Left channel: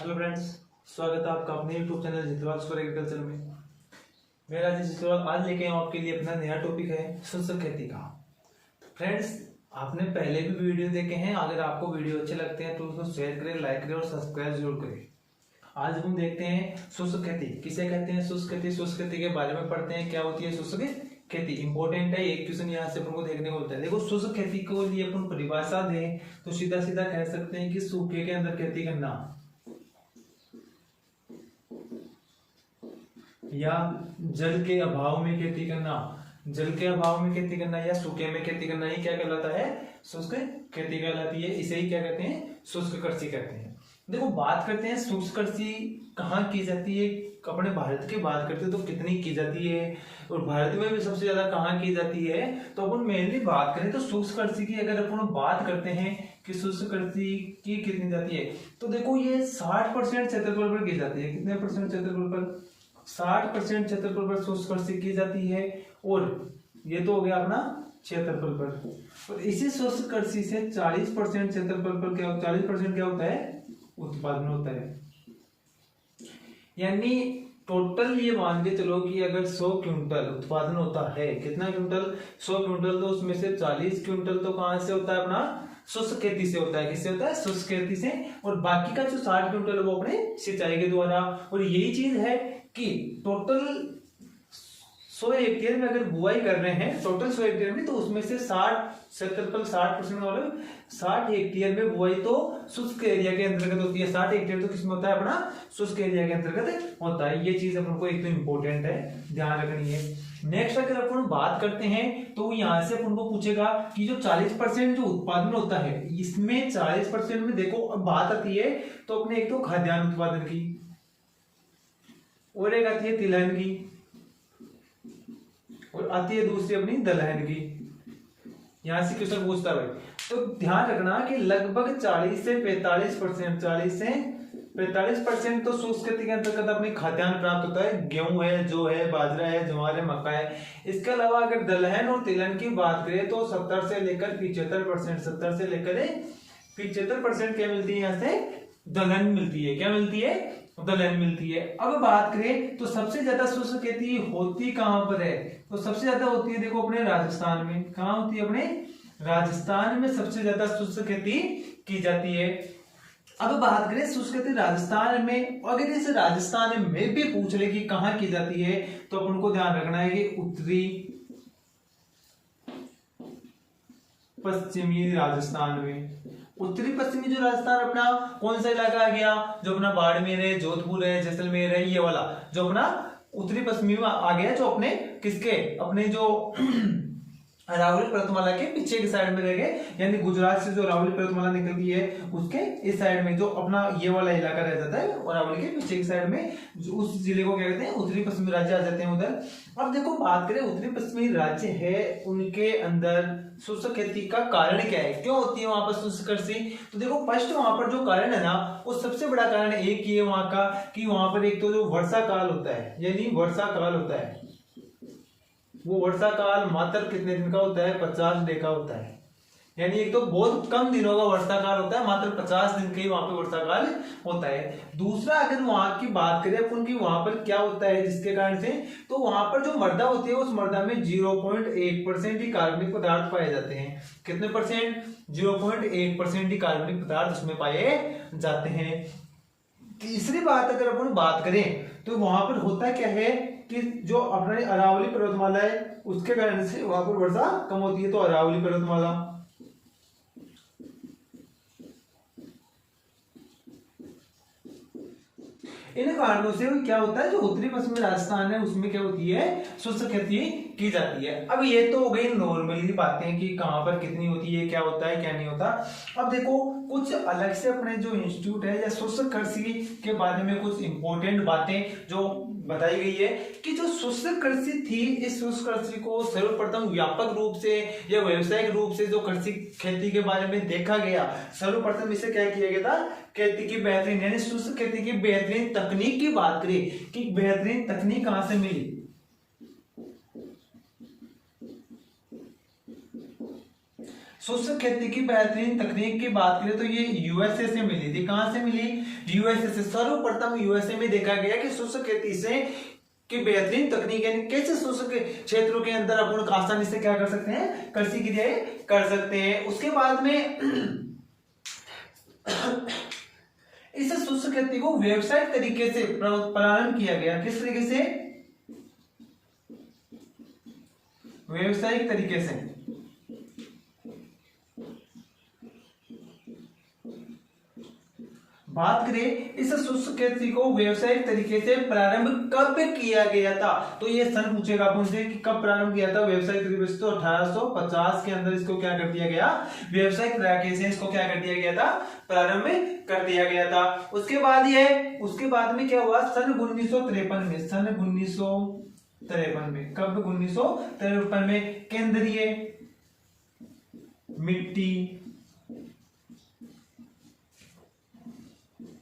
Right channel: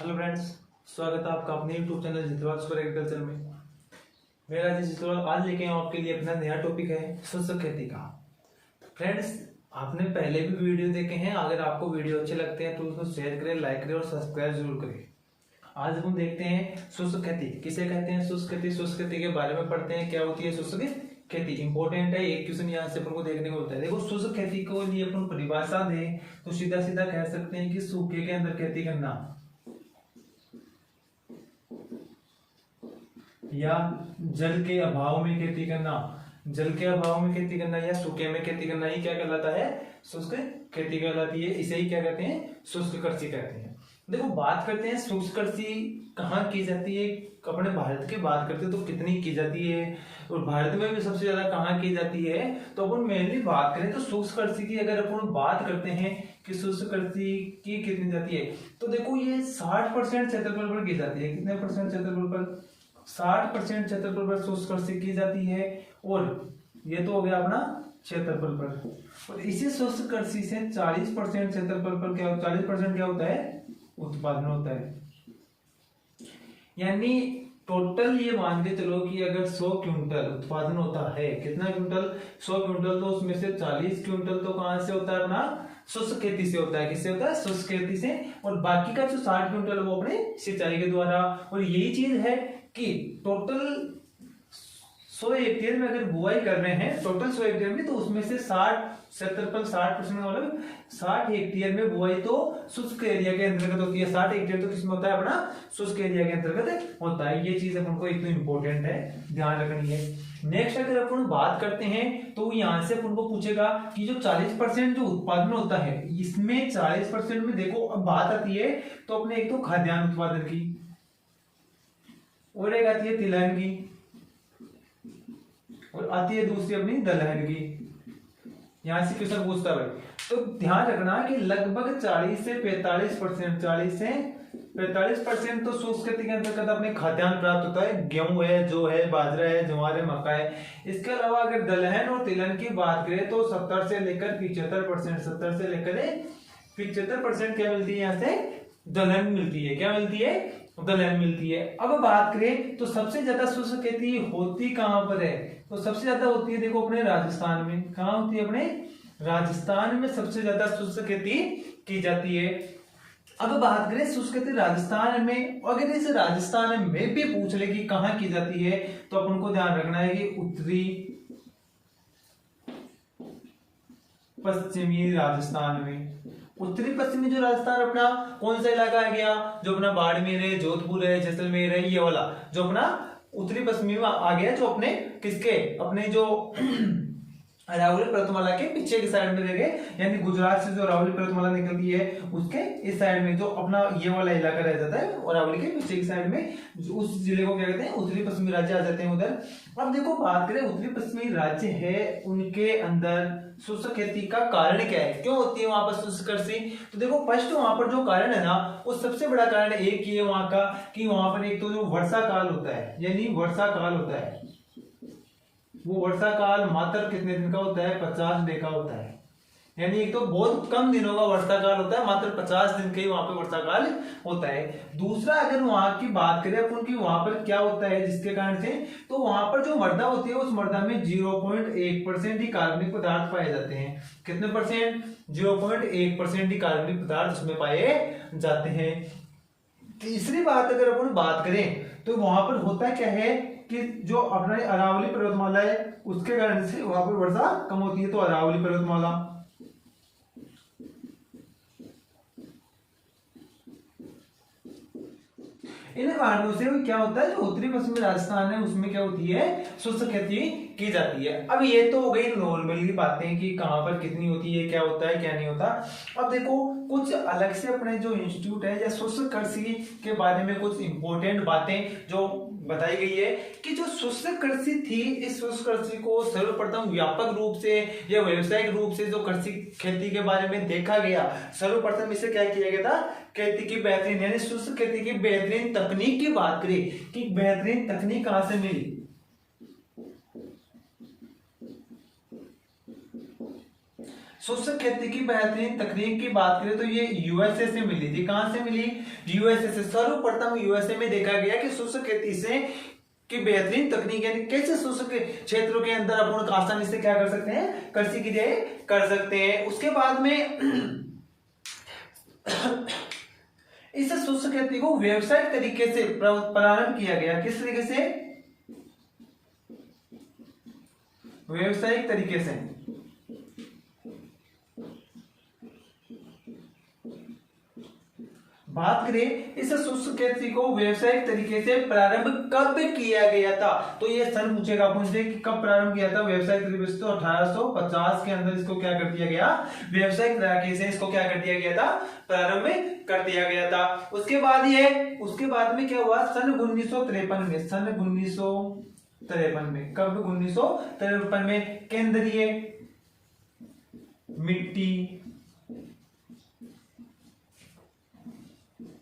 Hello friends, स्वागत है आपका अपने यूट्यूब चैनल जितवाल स्कूल एग्रीकल्चर में। मेरा जितवाल आज लेके आऊँ आपके लिए अपना नया टॉपिक है शुष्क खेती का। फ्रेंड्स, आपने पहले भी वीडियो देखे हैं। अगर आपको वीडियो अच्छे लगते हैं तो उसको शेयर करें, लाइक करें और सब्सक्राइब जरूर करें। आज हम देखते हैं शुष्क खेती किसे कहते हैं। शुष्क खेती, शुष्क खेती के बारे में पढ़ते हैं। क्या होती है शुष्क खेती? इंपॉर्टेंट है, एक क्वेश्चन यहाँ से अपन को देखने को होता है। देखो, शुष्क खेती को लिए अपन परिभाषा दें तो सीधा सीधा कह सकते हैं कि सूखे के अंदर खेती करना या जल के अभाव में खेती करना। जल के अभाव में खेती करना या सूखे में खेती करना, ये क्या कहलाता है? शुष्क खेती कहलाती है। इसे ही क्या कहते हैं? शुष्क कृषि कहते हैं। देखो, बात करते हैं शुष्क कृषि कहाँ की जाती है। अपने भारत की बात करते हैं तो कितनी की जाती है, और भारत में भी सबसे ज्यादा कहाँ की जाती है। तो अपन मेनली बात करें तो शुष्क कृषि की अगर अपन बात करते हैं कि शुष्क कृषि की कितनी जाती है, तो देखो ये 60% क्षेत्रफल पर की जाती है। कितने परसेंट क्षेत्रफल पर? 60% क्षेत्रफल पर शुष्क कृषि की जाती है। और ये तो हो गया अपना क्षेत्रफल पर। और इसी शुष्क कृषि से 40% क्षेत्रफल पर क्या होता है? 40% क्या होता है? उत्पादन होता है। यानी टोटल ये मान के चलो कि अगर 100 क्विंटल उत्पादन होता है, कितना क्विंटल? 100 क्विंटल, तो उसमें से 40 क्विंटल तो कहां से होता है? अपना शुष्क खेती से होता है। किससे होता है? शुष्क खेती से। और बाकी का जो 60 क्विंटल है वो अपने सिंचाई के द्वारा। और यही चीज है कि टोटल 100 हेक्टेयर में अगर बुआई कर रहे हैं, टोटल 100 हेक्टेयर में, तो उसमें से 60 क्षेत्रफल 60% वाला 60 हेक्टेयर में बुआई तो शुष्क एरिया के अंतर्गत होती है। 60 हेक्टेयर तो किसमें होता है? अपना शुष्क एरिया के अंतर्गत होता है। ये चीज अपन को एक तो इंपॉर्टेंट है, ध्यान रखनी है। नेक्स्ट अगर अपन बात करते हैं तो यहाँ से अपन को पूछेगा कि जो 40% जो उत्पादन होता है, इसमें 40% में देखो अब बात आती है तो अपने एक तो खाद्यान्न उत्पादन की, और एक आती है तिलहन की, और आती है दूसरी अपनी दलहन की। यहां से क्वेश्चन पूछता है भाई, तो ध्यान रखना कि लगभग 40 से 45%, 40 से 45% तो शुष्क खेती के अंतर्गत अपने खाद्यान्न प्राप्त होता है। गेहूं है, जौ है, बाजरा है, ज्वार है, मक्का है। इसके अलावा अगर दलहन और तिलहन की बात करें तो 70 से लेकर 75%, 70 से लेकर 75% क्या मिलती है? यहाँ से दलहन मिलती है। क्या मिलती है? दलहन मिलती है। अब बात करें तो सबसे ज्यादा शुष्क खेती होती कहां पर है? तो सबसे ज्यादा होती है देखो अपने राजस्थान में। कहां होती है? अपने राजस्थान में सबसे ज्यादा शुष्क खेती की जाती है। अब बात करें शुष्क खेती राजस्थान में, अगर इस राजस्थान में भी पूछ ले कि कहां की जाती है, तो अपन को ध्यान रखना है कि उत्तरी पश्चिमी राजस्थान में। उत्तरी पश्चिमी जो राजस्थान अपना कौन सा इलाका आ गया? जो अपना बाड़मेर है, जोधपुर है, जैसलमेर है, ये वाला जो अपना उत्तरी पश्चिमी में आ गया, जो अपने किसके? अपने जो अरावली पर्वतमाला के पीछे की साइड में रह गए। यानी गुजरात से जो अरावली पर्वतमाला निकलती है उसके इस साइड में जो अपना ये वाला इलाका रह जाता है, अरावली के पीछे की साइड में, उस जिले को क्या कहते हैं? उत्तरी पश्चिमी राज्य आ जाते हैं उधर। अब देखो, बात करें उत्तरी पश्चिमी राज्य है, उनके अंदर शुष्क खेती का कारण क्या है? क्यों होती है वहां पर शुष्क कृषि? तो देखो, फर्स्ट वहां पर जो कारण है ना, वो सबसे बड़ा कारण एक ही है वहां का, कि वहां पर एक तो जो वर्षा काल होता है, यानी वर्षा काल होता है, वो वर्षा काल मात्र कितने दिन का होता है? 50 डे का होता है। यानी एक तो बहुत कम दिनों का वर्षा काल होता है, मात्र 50 दिन के ही वहां पे वर्षा काल होता है। दूसरा, अगर वहां की बात करें अपन की, वहां पर क्या होता है जिसके कारण से, तो वहां पर जो मृदा होती है उस मृदा में 0.1% ही कार्बनिक पदार्थ पाए जाते हैं। कितने परसेंट? 0.1% ही कार्बनिक पदार्थ उसमें पाए जाते हैं। तीसरी बात अगर अपन बात करें तो वहां पर होता क्या है कि जो अपने अरावली पर्वतमाला है उसके कारण से वहां पर वर्षा कम होती है। तो अरावली पर्वतमाला, इन कारणों से क्या होता है, जो उत्तरी पश्चिमी राजस्थान है उसमें क्या होती है? शुष्क खेती की जाती है। अब ये तो हो गई नॉर्मली बातें कि कहां पर कितनी होती है, क्या होता है, क्या नहीं होता। अब देखो, कुछ अलग से अपने जो इंस्टीट्यूट है या शुष्क कृषि के बारे में कुछ इंपॉर्टेंट बातें जो बताई गई है कि जो शुष्क कृषि थी, इस शुष्क कृषि को सर्वप्रथम व्यापक रूप से या व्यावसायिक रूप से जो कृषि खेती के बारे में देखा गया, सर्वप्रथम इसे क्या किया गया था? खेती की बेहतरीन, यानी शुष्क खेती की बेहतरीन तकनीक की बात करें कि बेहतरीन तकनीक कहां से मिली? शुष्क खेती की बेहतरीन तकनीक की बात करें तो ये यूएसए से मिली थी। कहां से मिली? यूएसए से। सर्वप्रथम यूएसए में देखा गया कि शुष्क खेती से की बेहतरीन तकनीक, यानी कैसे शुष्क क्षेत्रों के अंदर अपन आसानी से क्या कर सकते हैं, कृषि क्रियाएं कर सकते हैं। उसके बाद में इस शुष्क खेती को व्यावसायिक तरीके से प्रारंभ किया गया। किस तरीके से? व्यावसायिक तरीके से। बात करें इस शुष्क खेती को व्यावसायिक तरीके से प्रारंभ कब किया गया था, तो ये सन पूछेगा अपन से कि कब प्रारंभ किया था व्यावसायिक तरीके से। तो 1850 के अंदर इसको क्या कर दिया गया, व्यावसायिक तरीके से इसको क्या कर दिया गया था, प्रारंभ कर दिया गया था। उसके बाद में क्या हुआ, सन 1953 में, सन 1953 में, कब 1953 में केंद्रीय मिट्टी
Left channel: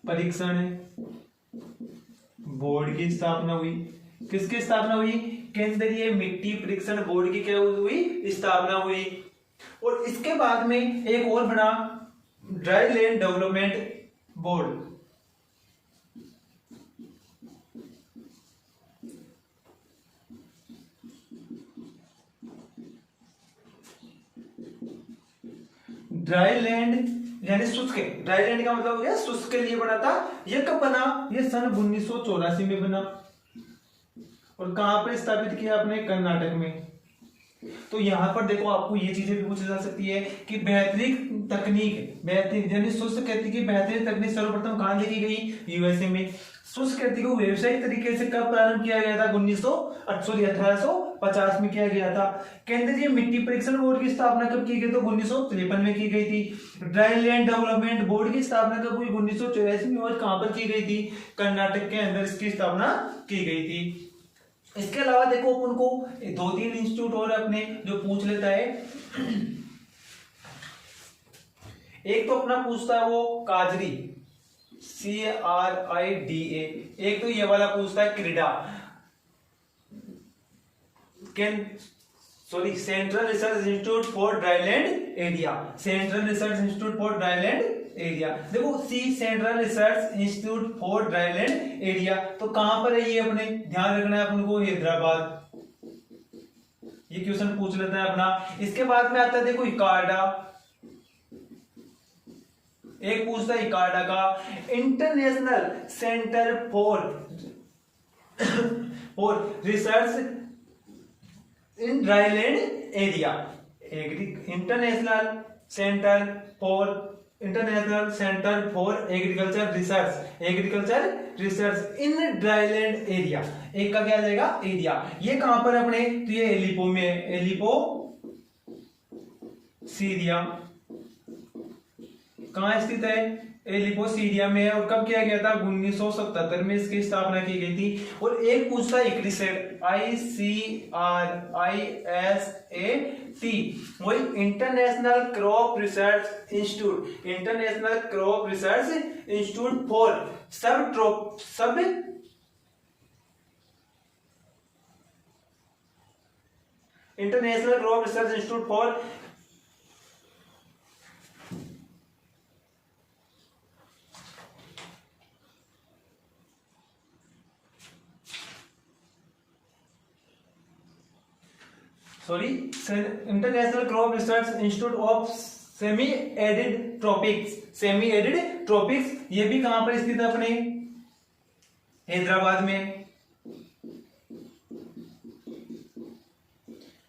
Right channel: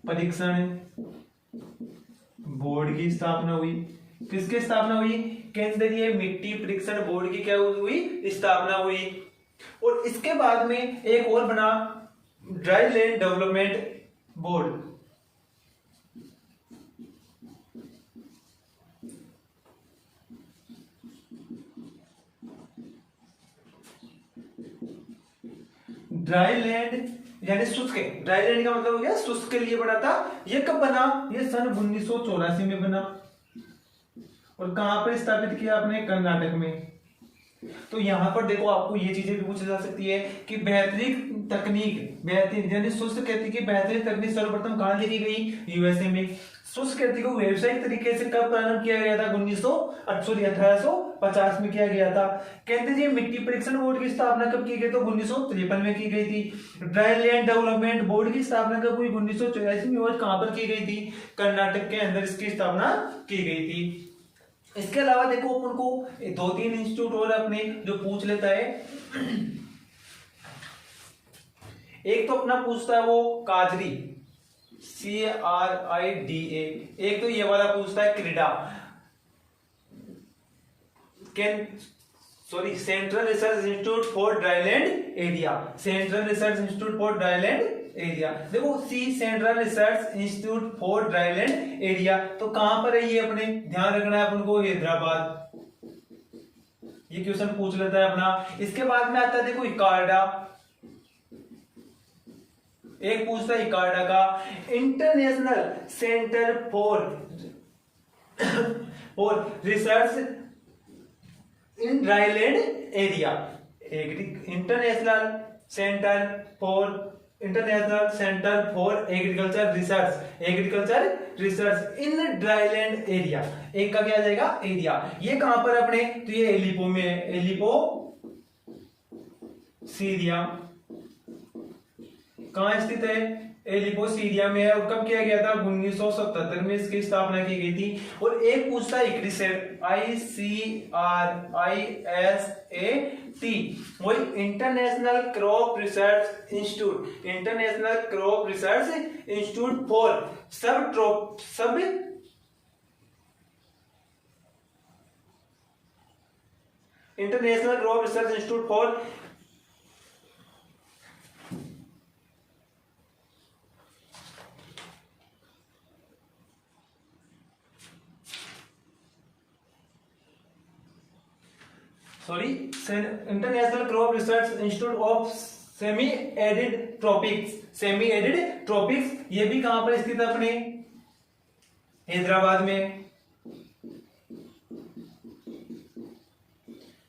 परीक्षण बोर्ड की स्थापना हुई। किसकी स्थापना हुई? केंद्रीय मिट्टी परीक्षण बोर्ड की क्या हुई, स्थापना हुई। और इसके बाद में एक और बना dry land development board. Dry land यानी शुष्क, ड्राई लैंड का मतलब हो गया शुष्क के लिए बना था। ये कब बना? ये सन 1984 में बना। और कहां पर स्थापित किया आपने? कर्नाटक में। तो यहां पर देखो आपको ये चीजें भी पूछी जा सकती है कि बेहतरीन तकनीक, बेहतरीन यानी शुष्क खेती की बेहतरीन तकनीक सर्वप्रथम कहां देखी गई? यूएसए में। शुष्क खेती को व्यावसायिक तरीके से कब प्रारंभ किया गया था? 1850 में किया गया था। केंद्रीय मिट्टी परीक्षण बोर्ड की स्थापना कब की गई? तो 1953 में की गई थी। ड्राई लैंड डेवलपमेंट बोर्ड की स्थापना कब हुई? 1984 में। और कहां पर की गई थी? कर्नाटक के अंदर इसकी स्थापना की गई थी। इसके अलावा देखो अपन को 2-3 इंस्टीट्यूट और अपने जो पूछ लेता है। एक तो अपना पूछता है वो काजरी, CRIDA। एक तो ये वाला पूछता है CRIDA, central research institute for dryland area, central research institute for dryland area. देखो central research institute for dryland area, तो कहां पर है ये? अपने ध्यान रखना है अपन को, हैदराबाद। ये क्वेश्चन पूछ लेता है अपना। इसके बाद में आता है देखो इकार्डा, एक पूछता है इकार्डा का, international centre for research in dryland area, international centre for agriculture research in dryland area. एक का क्या आ जाएगा? एरिया। ये कहां पर अपने? तो ये एलिपो में है, एलिपो सीरिया। कहां स्थित है? एलिपो सीरिया में है। और कब किया गया था? 1977 में इसकी स्थापना की गई थी। और एक पूछता है ICRISAT, वही international crop research institute for सब international crop research institute for international crop research institute of semi arid tropics. ये भी कहां पर स्थित है? अपने हैदराबाद में।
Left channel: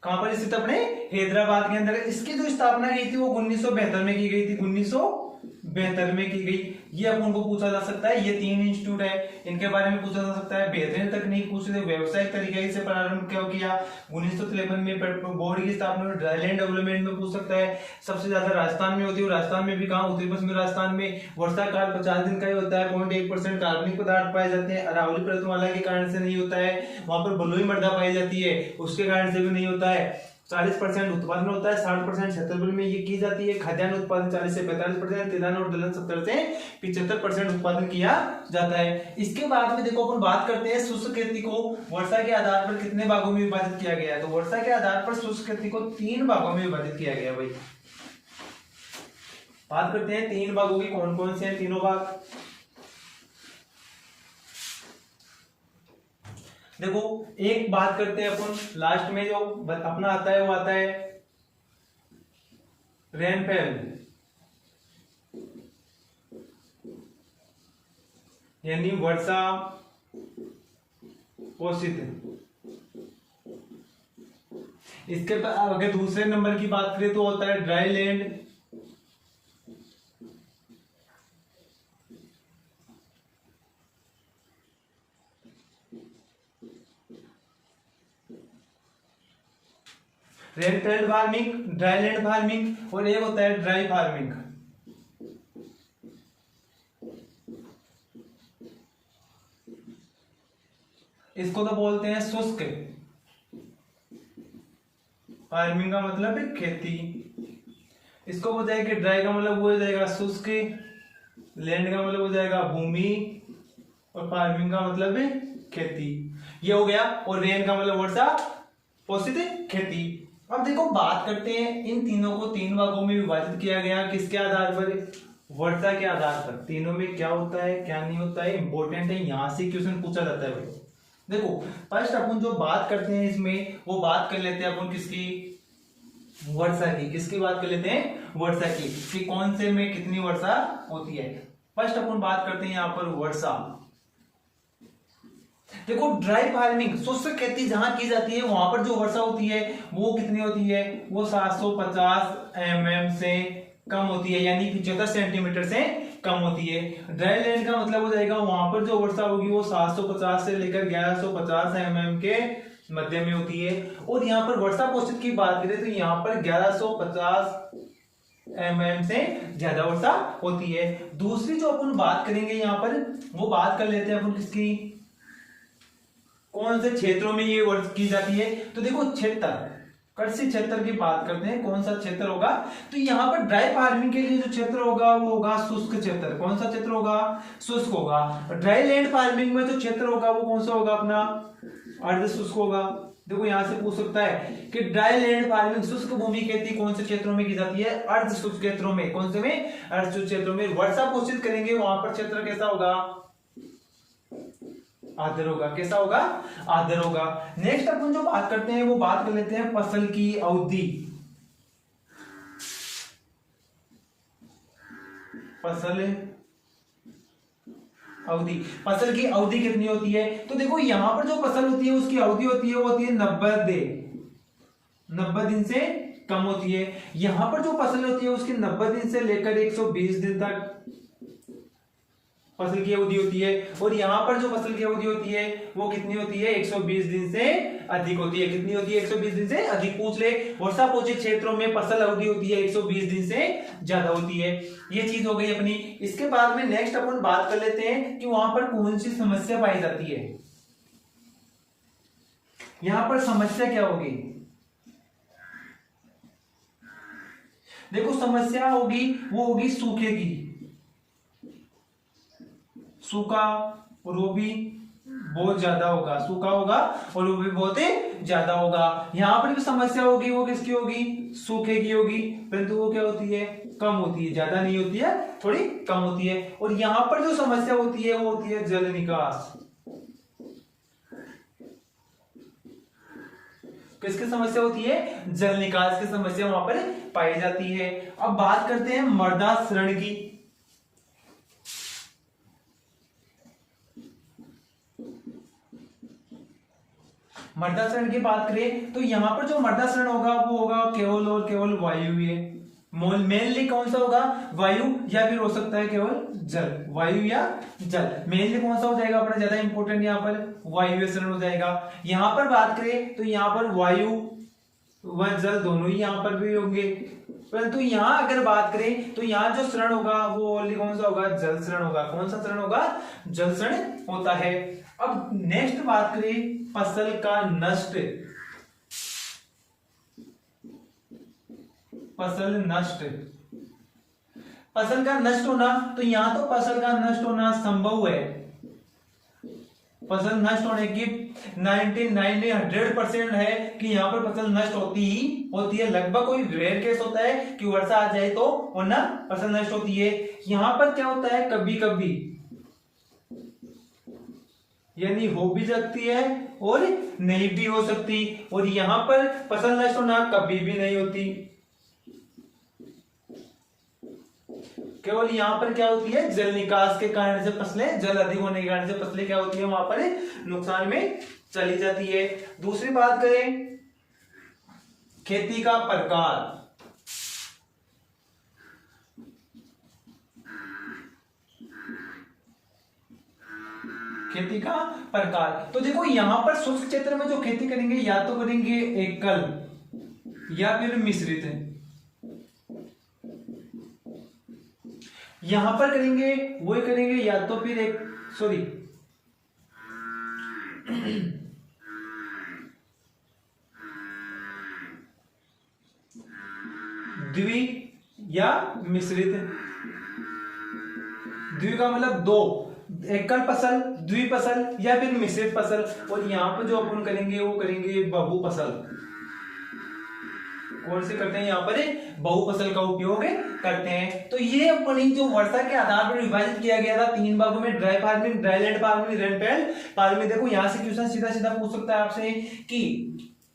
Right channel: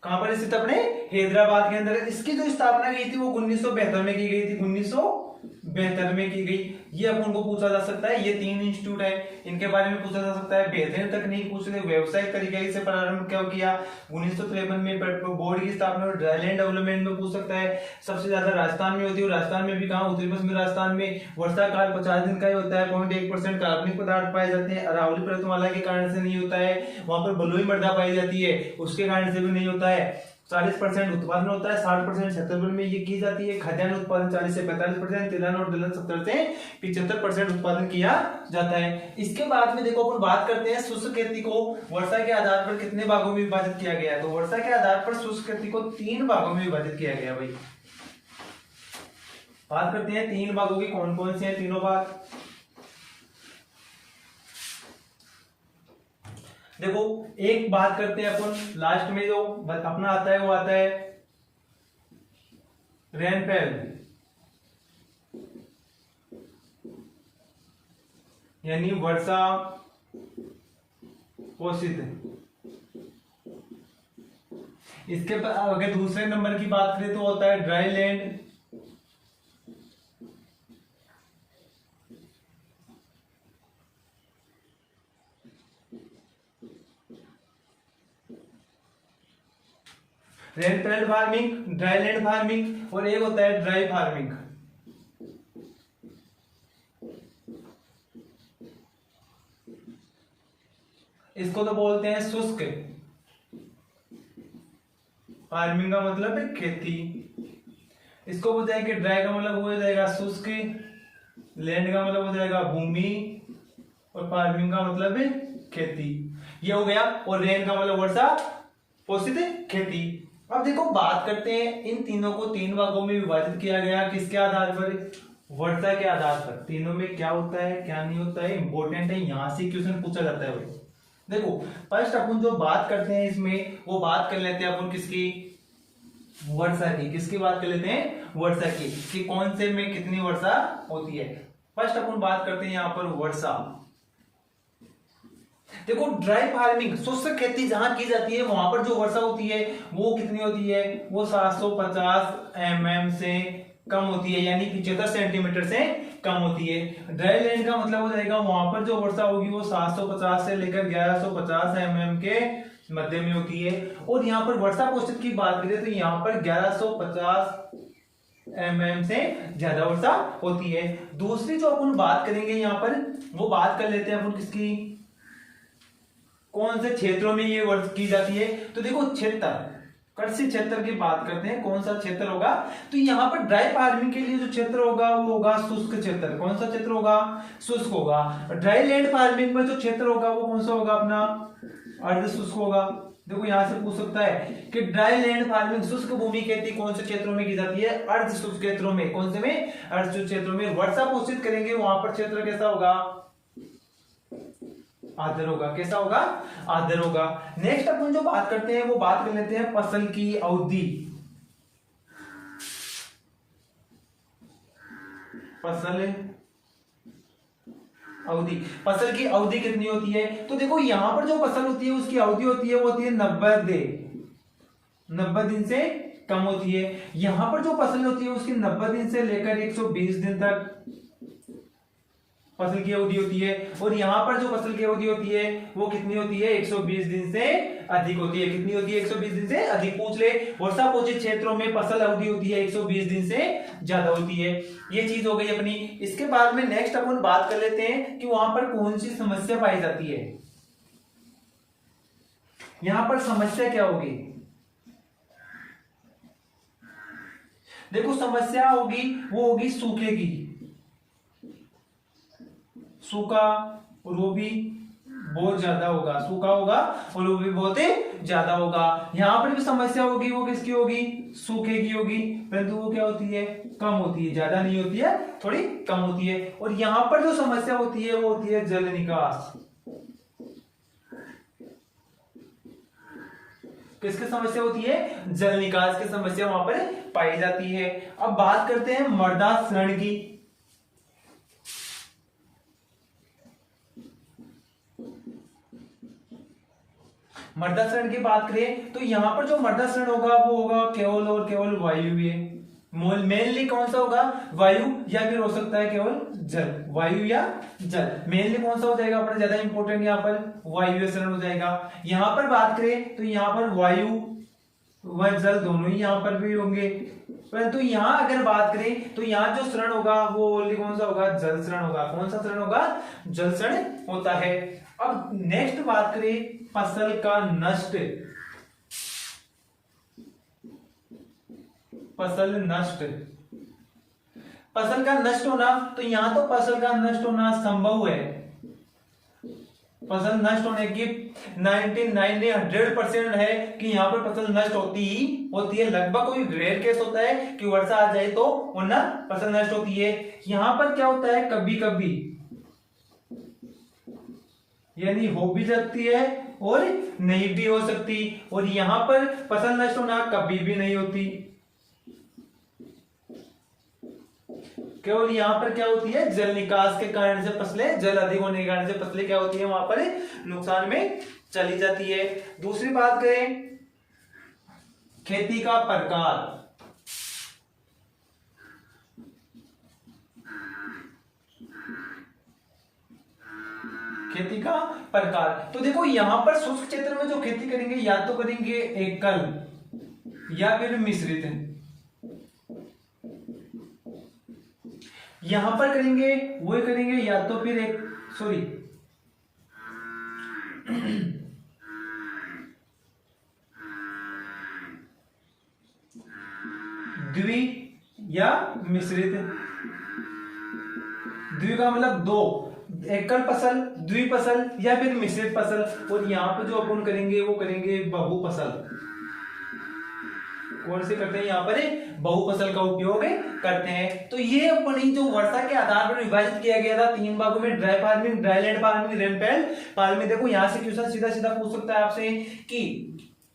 कहां पर स्थित? अपने हैदराबाद के अंदर। इसकी जो स्थापना की थी वो 1972 में की गई थी, 1972 में की गई। ये अपन को पूछा जा सकता है। ये 3 इंस्टीट्यूट है, इनके बारे में पूछा जा सकता है। बेहतरीन तकनीक पूछ रहे, व्यावसायिक तरीके से प्रारंभ क्यों किया? 1953 में बोर्ड की स्थापना। ड्राईलैंड डेवलपमेंट में पूछ सकता है। सबसे ज्यादा राजस्थान में होती है। राजस्थान में भी कहां? उत्तरी पश्चिमी राजस्थान में। वर्षा काल 50 दिन का ही होता है। 0.1% कार्बनिक पदार्थ पाए जाते हैं। अरावली पर्वतमाला के कारण से नहीं होता है। वहां पर बलुई मृदा पाई जाती है, उसके कारण से भी नहीं होता है। 40% उत्पादन होता है, 60% छत्तीसगढ़ में ये की जाती है। खाद्यान्न उत्पादन 40 से 45%, तिलहन और दलहन 70 से 75% उत्पादन किया जाता है। इसके बाद में देखो अपन बात करते हैं शुष्क खेती को वर्षा के आधार पर कितने भागों में विभाजित किया गया है। तो वर्षा के आधार पर शुष्क खेती को 3 भागों में विभाजित किया गया भाई। बात करते हैं 3 भागों की, कौन कौन से हैं तीनों भाग। देखो एक बात करते हैं अपन लास्ट में, जो अपना आता है वो आता है रेनफेल, यानी वर्षा पोषित। इसके अगर दूसरे नंबर की बात करें तो होता है dry land, rainfed farming, dry land farming, और एक होता है ड्राई फार्मिंग। इसको तो बोलते हैं शुष्क फार्मिंग, का मतलब है खेती। इसको हो जाएगा ड्राई का मतलब हो जाएगा शुष्क, लैंड का मतलब हो जाएगा भूमि, और फार्मिंग का मतलब है खेती। ये हो गया। और रेन का मतलब वर्षा पोषित खेती। अब देखो बात करते हैं इन तीनों को 3 भागों में विभाजित किया गया, किसके आधार पर, वर्षा के आधार पर। तीनों में क्या होता है क्या नहीं होता है इंपॉर्टेंट है, यहां से क्वेश्चन पूछा जाता है भाई। देखो फर्स्ट अपन जो बात करते हैं इसमें, वो बात कर लेते हैं अपन किसकी, वर्षा की। किसकी बात कर लेते हैं, वर्षा की, कि कौन से में कितनी वर्षा होती है। फर्स्ट अपन बात करते हैं यहाँ पर वर्षा। देखो ड्राई फार्मिंग शुष्क खेती जहां की जाती है वहां पर जो वर्षा होती है वो कितनी होती है, वो 750 mm से कम होती है, यानी 75 सेंटीमीटर से कम होती है। ड्राई लैंड का मतलब हो जाएगा वहां पर जो वर्षा होगी वो 750 से लेकर 1150 mm के मध्य में होती है। और यहाँ पर वर्षा पोषित की बात करें तो यहाँ पर 1150 mm से ज्यादा वर्षा होती है। दूसरी जो अपन बात करेंगे यहाँ पर, वो बात कर लेते हैं अपन किसकी, कौन से क्षेत्रों में ये वर्षा की जाती है। तो देखो क्षेत्र, कृषि क्षेत्र की बात करते हैं, कौन सा क्षेत्र होगा, तो यहाँ पर ड्राई फार्मिंग के लिए जो क्षेत्र होगा वो होगा शुष्क क्षेत्र। कौन सा क्षेत्र होगा, शुष्क होगा। ड्राई लैंड फार्मिंग में जो क्षेत्र होगा वो कौन सा होगा, अपना अर्ध शुष्क होगा। देखो यहां से पूछ सकता है कि ड्राई लैंड फार्मिंग शुष्क भूमि खेती कौन से क्षेत्रों में की जाती है, अर्ध शुष्क क्षेत्रों में। कौन से में, अर्ध शुष्क क्षेत्रों में। वर्षा पोषित करेंगे वहां पर क्षेत्र कैसा होगा, आर्द्र होगा। कैसा होगा, आर्द्र होगा। नेक्स्ट अपन जो बात करते हैं वो बात कर लेते हैं फसल की अवधि। फसल अवधि, फसल की अवधि कितनी होती है, तो देखो यहां पर जो फसल होती है उसकी अवधि होती है वो होती है 90 दिन से कम होती है। यहां पर जो फसल होती है उसकी 90 दिन से लेकर 120 दिन तक फसल की अवधि होती है। और यहां पर जो फसल की अवधि होती है वो कितनी होती है, 120 दिन से अधिक होती है। कितनी होती है, 120 दिन से अधिक। पूछ ले, वर्षा पोषित क्षेत्रों में फसल अवधि होती है 120 दिन से ज्यादा होती है। ये चीज हो गई अपनी। इसके बाद में नेक्स्ट अपन बात कर लेते हैं कि वहां पर कौन सी समस्या पाई जाती है। यहां पर समस्या क्या होगी, देखो समस्या होगी वो होगी सूखे की। सूखा और वो भी बहुत ज्यादा होगा, सूखा होगा और वो भी बहुत ही ज्यादा होगा। यहां पर जो समस्या होगी वो किसकी होगी, सूखे की होगी, परंतु वो क्या होती है, कम होती है, ज्यादा नहीं होती है, थोड़ी कम होती है। और यहां पर जो समस्या होती है वो होती है जल निकास। किसकी समस्या होती है, जल निकास की समस्या वहां पर पाई जाती है। अब बात करते हैं मृदा क्षरण की। मृदा क्षरण की बात करें तो यहां पर जो मृदा क्षरण होगा वो होगा केवल और केवल वायु। ये मेनली कौन सा होगा, वायु, या फिर हो सकता है केवल जल, वायु या जल। मेनली कौन सा हो जाएगा अपना ज्यादा इंपॉर्टेंट, यहाँ पर वायु क्षरण हो जाएगा। यहां पर बात करें तो यहाँ पर वायु व जल दोनों ही यहाँ पर भी होंगे, परंतु यहाँ अगर बात करें तो यहाँ जो क्षरण होगा वो ओनली कौन सा होगा, जल क्षरण होगा। कौन सा क्षरण होगा, जल क्षरण होता है। अब नेक्स्ट बात करें फसल का नष्ट। फसल नष्ट, फसल का नष्ट होना, तो यहां तो फसल का नष्ट होना संभव है, फसल नष्ट होने की 100% है कि यहाँ पर फसल नष्ट होती है। लगभग कोई रेयर केस होता है कि वर्षा आ जाए तो वरना फसल नष्ट होती है। यहाँ पर क्या होता है, कभी कभी यानी हो भी सकती है और नहीं भी हो सकती, और यहाँ पर फसल नष्ट होना कभी भी नहीं होती। केवल यहाँ पर क्या होती है, जल निकास के कारण से फसलें, जल अधिक होने के कारण से फसलें क्या होती है, वहां पर नुकसान में चली जाती है। दूसरी बात करें खेती का प्रकार। खेती का प्रकार, तो देखो यहां पर शुष्क क्षेत्र में जो खेती करेंगे या तो करेंगे एकल या फिर मिश्रित है। यहां पर करेंगे वो करेंगे या तो फिर एक द्वि या मिश्रित। द्वि का मतलब दो, एकल फसल, द्वि फसल या फिर मिश्रित फसल। और यहाँ पर जो अपन करेंगे वो करेंगे बहु फसल। कौन से करते हैं, यहाँ पर बहु फसल का उपयोग करते हैं। तो ये अपनी जो वर्षा के आधार पर विभाजित किया गया था 3 भागों में, dry farming, dryland farming, rainfed farming. देखो यहाँ से क्वेश्चन सीधा सीधा पूछ सकता है आपसे कि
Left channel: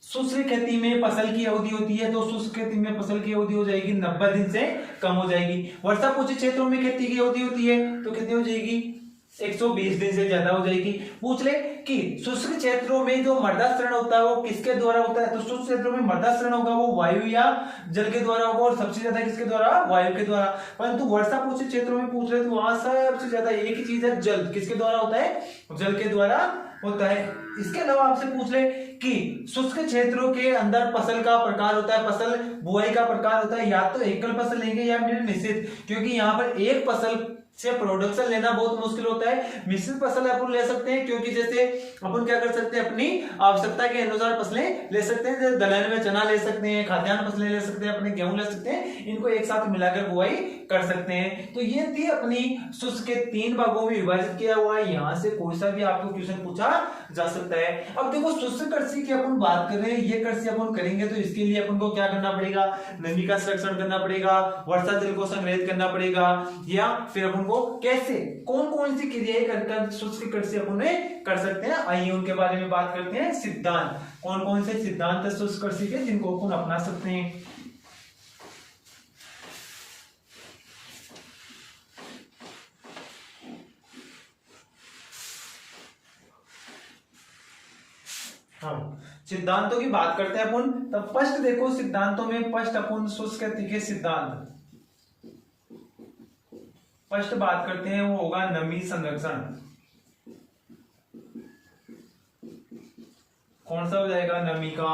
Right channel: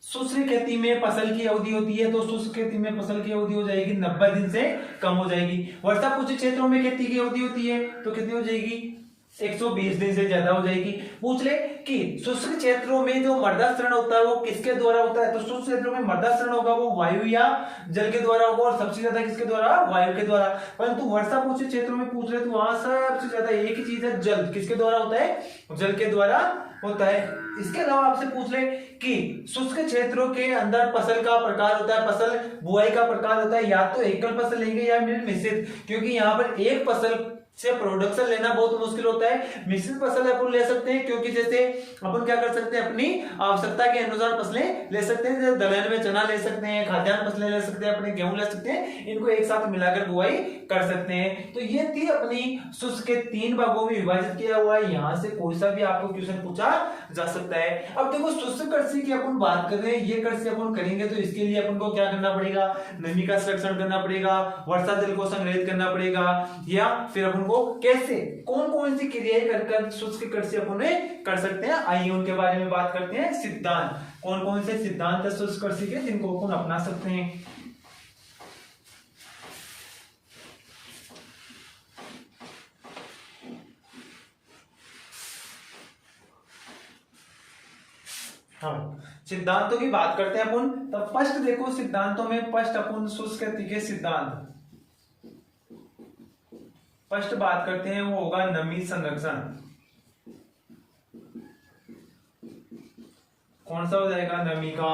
शुष्क खेती में फसल की अवधि होती है, तो शुष्क खेती में फसल की अवधि हो जाएगी 90 दिन से कम हो जाएगी। वर्षा कुछ क्षेत्रों में खेती की अवधि होती है तो कितनी हो जाएगी, 120 दिन से ज्यादा हो जाएगी। पूछ ले कि शुष्क क्षेत्रों में जो मृदाक्षरण होता है वो किसके द्वारा होता है, तो शुष्क क्षेत्रों में मृदाक्षरण होगा वो वायु या जल के द्वारा होगा, और सबसे ज्यादा किसके द्वारा, वायु के द्वारा। परंतु वर्षा पूछे क्षेत्रों में पूछ रहे तो वहां सबसे ज्यादा एक ही चीज है, जल। किसके द्वारा होता है, जल के द्वारा होता है। इसके अलावा आपसे पूछ ले कि शुष्क क्षेत्रों के अंदर फसल का प्रकार होता है, फसल बुआई का प्रकार होता है, या तो एकल फसल लेंगे या मिश्रित, क्योंकि यहाँ पर एक फसल से प्रोडक्शन लेना बहुत मुश्किल होता है। मिश्रित फसल अपन ले सकते हैं, क्योंकि जैसे अपन क्या कर सकते हैं, अपनी आवश्यकता के अनुसार फसलें ले सकते हैं। जैसे दलहन में चना ले सकते हैं, खाद्यान्न फसलें ले सकते हैं, अपने गेहूं ले सकते हैं, इनको एक साथ मिलाकर बुआई कर सकते हैं। तो ये थी अपनी शुष्क के 3 भागों में विभाजित किया हुआ है। यहाँ से कोई सा भी आपको क्वेश्चन पूछा जा सकता है। अब देखो शुष्क कृषि की अपन बात कर रहे हैं, ये कृषि अपन करेंगे तो इसके लिए अपन को क्या करना पड़ेगा, नमी का संरक्षण करना पड़ेगा, वर्षा जल को संग्रहित करना पड़ेगा, या फिर अपन को कैसे कौन कौन सी क्रियाएं कर शुष्क कृषि अपन कर सकते हैं। आइए उनके बारे में बात करते हैं। सिद्धांत, कौन कौन से सिद्धांत है शुष्क कृषि के जिनको अपन अपना सकते हैं। हाँ, सिद्धांतों की बात करते हैं अपन। तब फर्स्ट देखो सिद्धांतों में फर्स्ट अपन शुष्क खेती के सिद्धांत फर्स्ट बात करते हैं, वो होगा नमी संरक्षण। कौन सा हो जाएगा, नमी का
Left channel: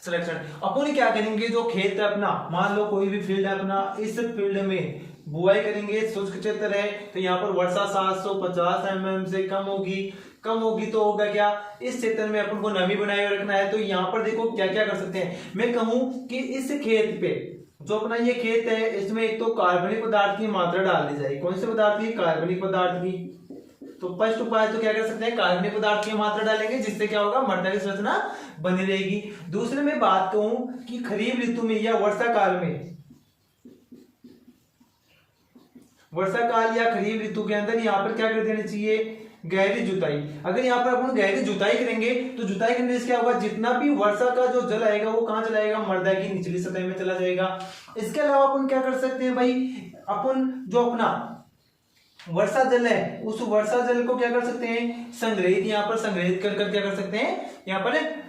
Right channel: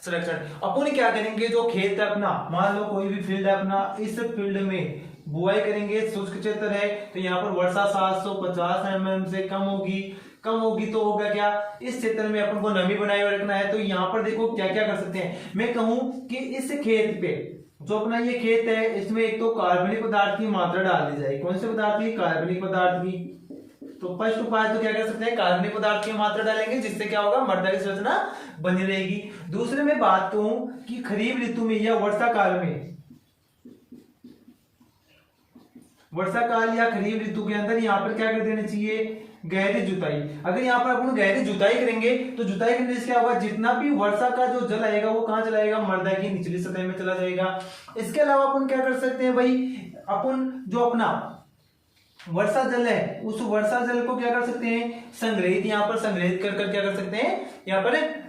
संरक्षण। अपन क्या करेंगे, जो खेत है अपना, मान लो कोई भी फील्ड है अपना, इस फील्ड में बुआई करेंगे, शुष्क क्षेत्र है तो यहाँ पर वर्षा 750 mm से कम होगी तो होगा क्या, इस क्षेत्र में अपन को नमी बनाए हुए रखना है। तो यहाँ पर देखो क्या क्या कर सकते हैं। मैं कहूं कि इस खेत पे जो अपना ये खेत है, इसमें एक तो कार्बनिक पदार्थ की मात्रा डाल दी जाएगी। कौन से पदार्थ की, कार्बनिक पदार्थ की। तो फर्स्ट उपाय तो क्या कर सकते हैं, कार्बनिक पदार्थ की मात्रा डालेंगे, जिससे क्या होगा, मृदा की संरचना बनी रहेगी। दूसरे में बात कहूं कि खरीफ ऋतु में या वर्षा काल या खरीफ ऋतु के अंदर यहाँ पर क्या कर देना चाहिए, गहरी जुताई। अगर यहाँ पर अपन गहरी जुताई करेंगे तो जुताई करने से क्या होगा, जितना भी वर्षा का जो जल आएगा वो कहाँ चला जाएगा, मृदा की निचली सतह में चला जाएगा। इसके अलावा अपन क्या कर सकते हैं भाई, अपन जो अपना वर्षा जल है उस वर्षा जल को क्या कर सकते हैं, संग्रहित, यहाँ पर संग्रहित कर क्या कर सकते हैं, यहाँ पर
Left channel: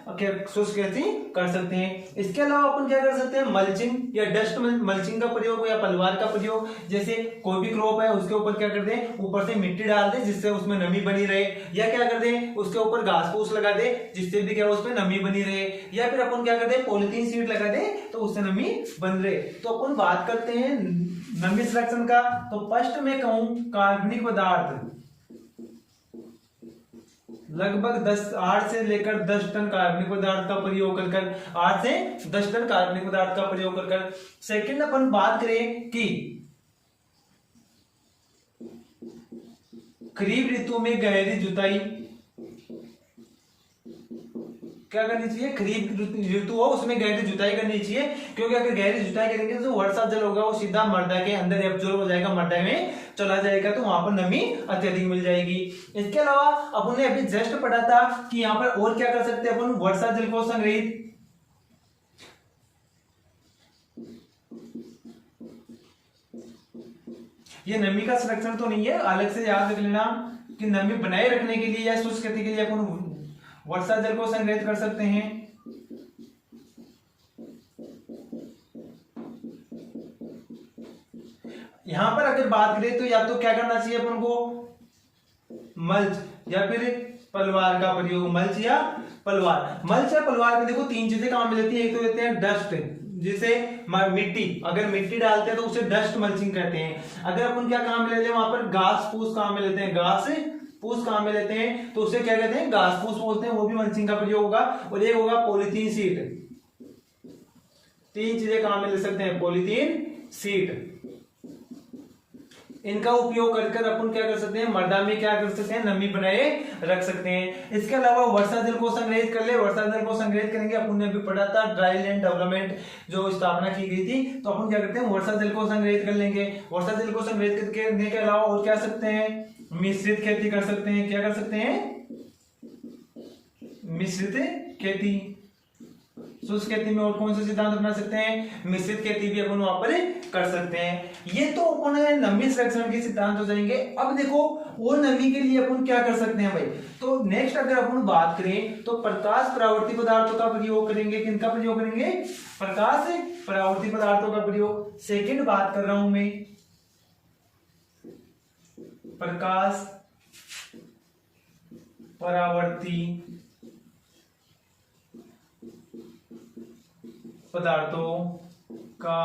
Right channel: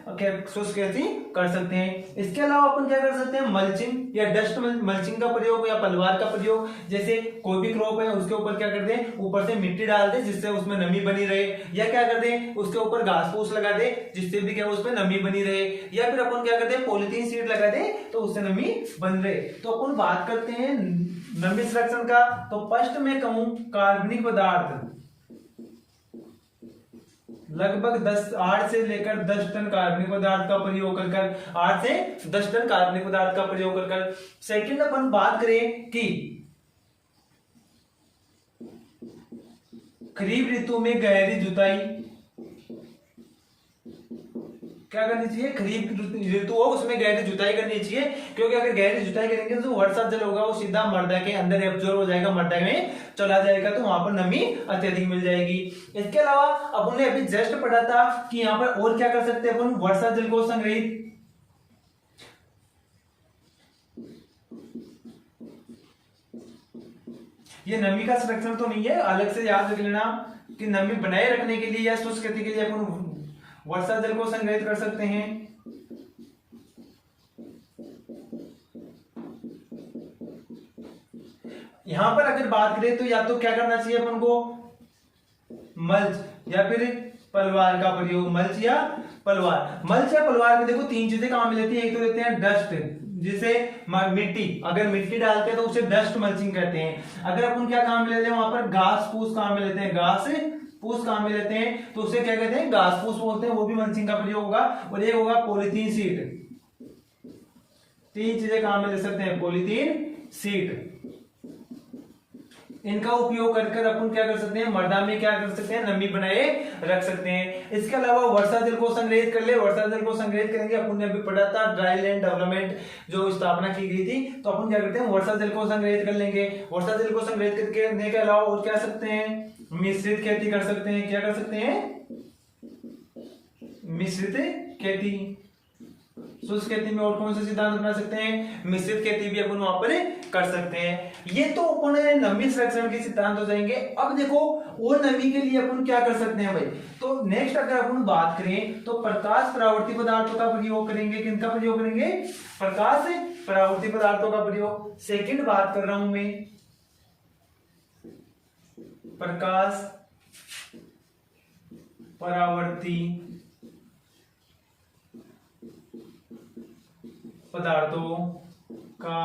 शुष्क खेती कर सकते हैं। इसके अलावा अपन क्या कर सकते हैं, मल्चिंग या डस्ट मल्चिंग का प्रयोग या पलवार का प्रयोग। जैसे कोई भी क्रॉप है उसके ऊपर क्या कर दें, ऊपर से मिट्टी डाल दे जिससे उसमें नमी बनी रहे, या क्या कर दें, उसके ऊपर घास फूस लगा दे जिससे भी क्या उसमें नमी बनी रहे, या फिर अपन क्या कर दें, पॉलिथीन शीट लगा दे तो उससे नमी बन रहे। तो अपन बात करते हैं नमी संरक्षण का। तो फर्स्ट में कहूं, कार्बनिक पदार्थ लगभग 8 से लेकर 10 टन कार्बनिक पदार्थ का प्रयोग कर 8 से 10 टन कार्बनिक पदार्थ का प्रयोग कर। सेकंड अपन बात करें कि खरीफ ऋतु में गहरी जुताई, क्या करनी चाहिए, खरीफ ऋतु हो उसमें गहरी जुताई करनी चाहिए, क्योंकि अगर गहरी जुताई करेंगे तो वर्षा जल होगा वो सीधा मृदा के अंदर एब्जॉर्ब हो जाएगा, मृदा में चला जाएगा, तो वहां पर नमी अत्यधिक मिल जाएगी। इसके अलावा अपन ने अभी जस्ट पढ़ा था कि यहाँ पर और क्या कर सकते हैं अपन, वर्षा जल को संग्रहित, ये नमी का संरक्षण तो नहीं है, अलग से याद रख लेना कि नमी बनाए रखने के लिए या शुष्क खेती के लिए अपन वर्षा जल को संग्रहित कर सकते हैं। यहां पर अगर बात करें तो या तो क्या करना चाहिए अपन को, मल्च या फिर पलवार का प्रयोग, मल्च या पलवार। मल्च या पलवार में देखो तीन चीजें काम में लेती है, एक तो लेते हैं डस्ट, जिसे मिट्टी, अगर मिट्टी डालते हैं तो उसे डस्ट मल्चिंग कहते हैं। अगर अपन क्या काम में लेते हैं वहां पर घास फूस काम में लेते हैं, घास फूस काम में लेते हैं तो उसे क्या कहते हैं, घास फूस बोलते हैं, वो भी मल्चिंग का प्रयोग होगा। और एक होगा पॉलीथीन सीट, तीन चीजें काम में ले सकते हैं, पॉलीथीन सीट, इनका उपयोग कर अपन क्या कर सकते हैं, मृदा में क्या कर सकते हैं, नमी बनाए रख सकते हैं। इसके अलावा वर्षा जल को संग्रहित कर ले, वर्षा जल को संग्रहित करेंगे, अपन ने भी पढ़ा था ड्राई लैंड डेवलपमेंट जो स्थापना की गई थी, तो अपन क्या करते हैं वर्षा जल को संग्रहित कर लेंगे। वर्षा जल को संग्रहित करने के अलावा और क्या सकते हैं, मिश्रित खेती कर सकते हैं। क्या कर सकते हैं, मिश्रित खेती। शुष्क खेती में और कौन से सिद्धांत अपना सकते हैं, मिश्रित खेती भी अपन वहां पर कर सकते हैं। ये तो अपन नमी संरक्षण के सिद्धांत हो जाएंगे। अब देखो और नमी के लिए अपन क्या कर सकते हैं भाई, तो नेक्स्ट अगर अपन बात करें तो प्रकाश परावर्ती पदार्थों का प्रयोग करेंगे। किनका प्रयोग करेंगे, प्रकाश परावर्ती पदार्थों का प्रयोग। सेकंड बात कर रहा हूं मैं, प्रकाश परावर्ती पदार्थों का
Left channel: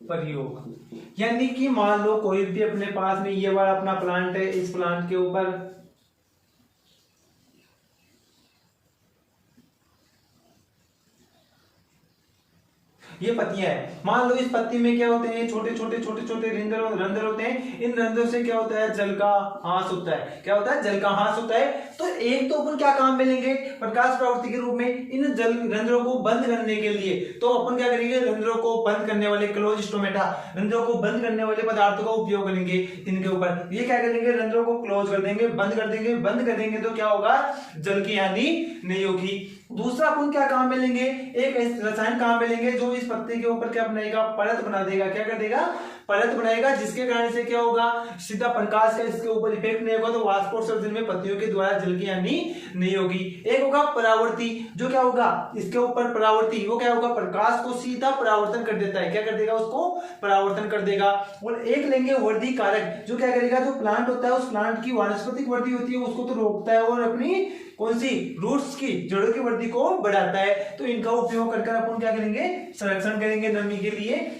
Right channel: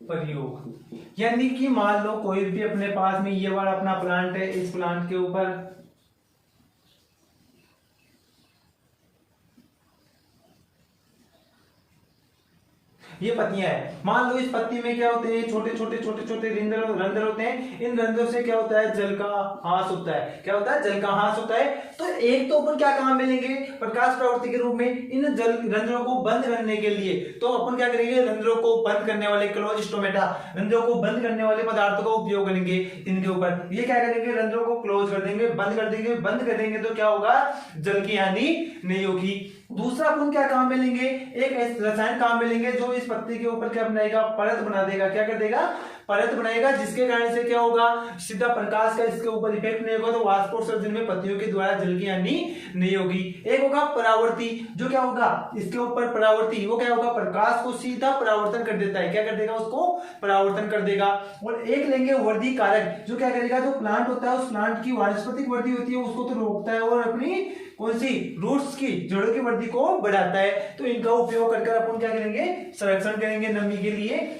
प्रयोग। यानी कि मान लो कोई भी अपने पास में ये वाला अपना प्लांट है, इस प्लांट के ऊपर ये पत्तियां हैं, मान लो इस पत्ती में क्या होते हैं, छोटे छोटे रंध्र होते हैं। इन रंध्रों से क्या होता है, जल का हास होता है। क्या होता है, जल का हास होता है। तो एक तो अपन क्या काम में लेंगे, प्रकाश प्रवृत्ति के रूप में इन जल रंध्रों को बंद करने के लिए तो अपन क्या करेंगे, रंध्रों को बंद करने वाले क्लोज स्टोमेटा, रंध्रों को बंद करने वाले पदार्थों का उपयोग करेंगे इनके ऊपर। ये क्या करेंगे, रंध्रों को क्लोज कर देंगे, बंद कर देंगे। बंद कर देंगे तो क्या होगा, जल की हानि नहीं होगी। दूसरा अपन क्या काम में लेंगे, एक रसायन काम में लेंगे जो इस पत्ते के ऊपर क्या बनाएगा, परत बना देगा। क्या कर देगा, परत बनाएगा, जिसके कारण से क्या होगा, सीधा प्रकाश का इसके ऊपर इफेक्ट नहीं होगा, तो वाष्पोत्सर्जन में पत्तियों के द्वारा जल की हानि नहीं होगी। एक होगा परावर्ती, जो क्या होगा, इसके ऊपर परावर्ती, वो क्या होगा, प्रकाश को सीधा परावर्तन कर देता है। क्या कर देगा, उसको परावर्तन कर देगा। और एक लेंगे वृद्धि कारक, जो क्या करेगा, जो प्लांट होता है उस प्लांट की वानस्पतिक वृद्धि होती है उसको तो रोकता है और अपनी कौन सी, रूट्स की, जड़ों की वृद्धि को बढ़ाता है। तो इनका उपयोग करके अपन क्या करेंगे, संरक्षण करेंगे, नमी के लिए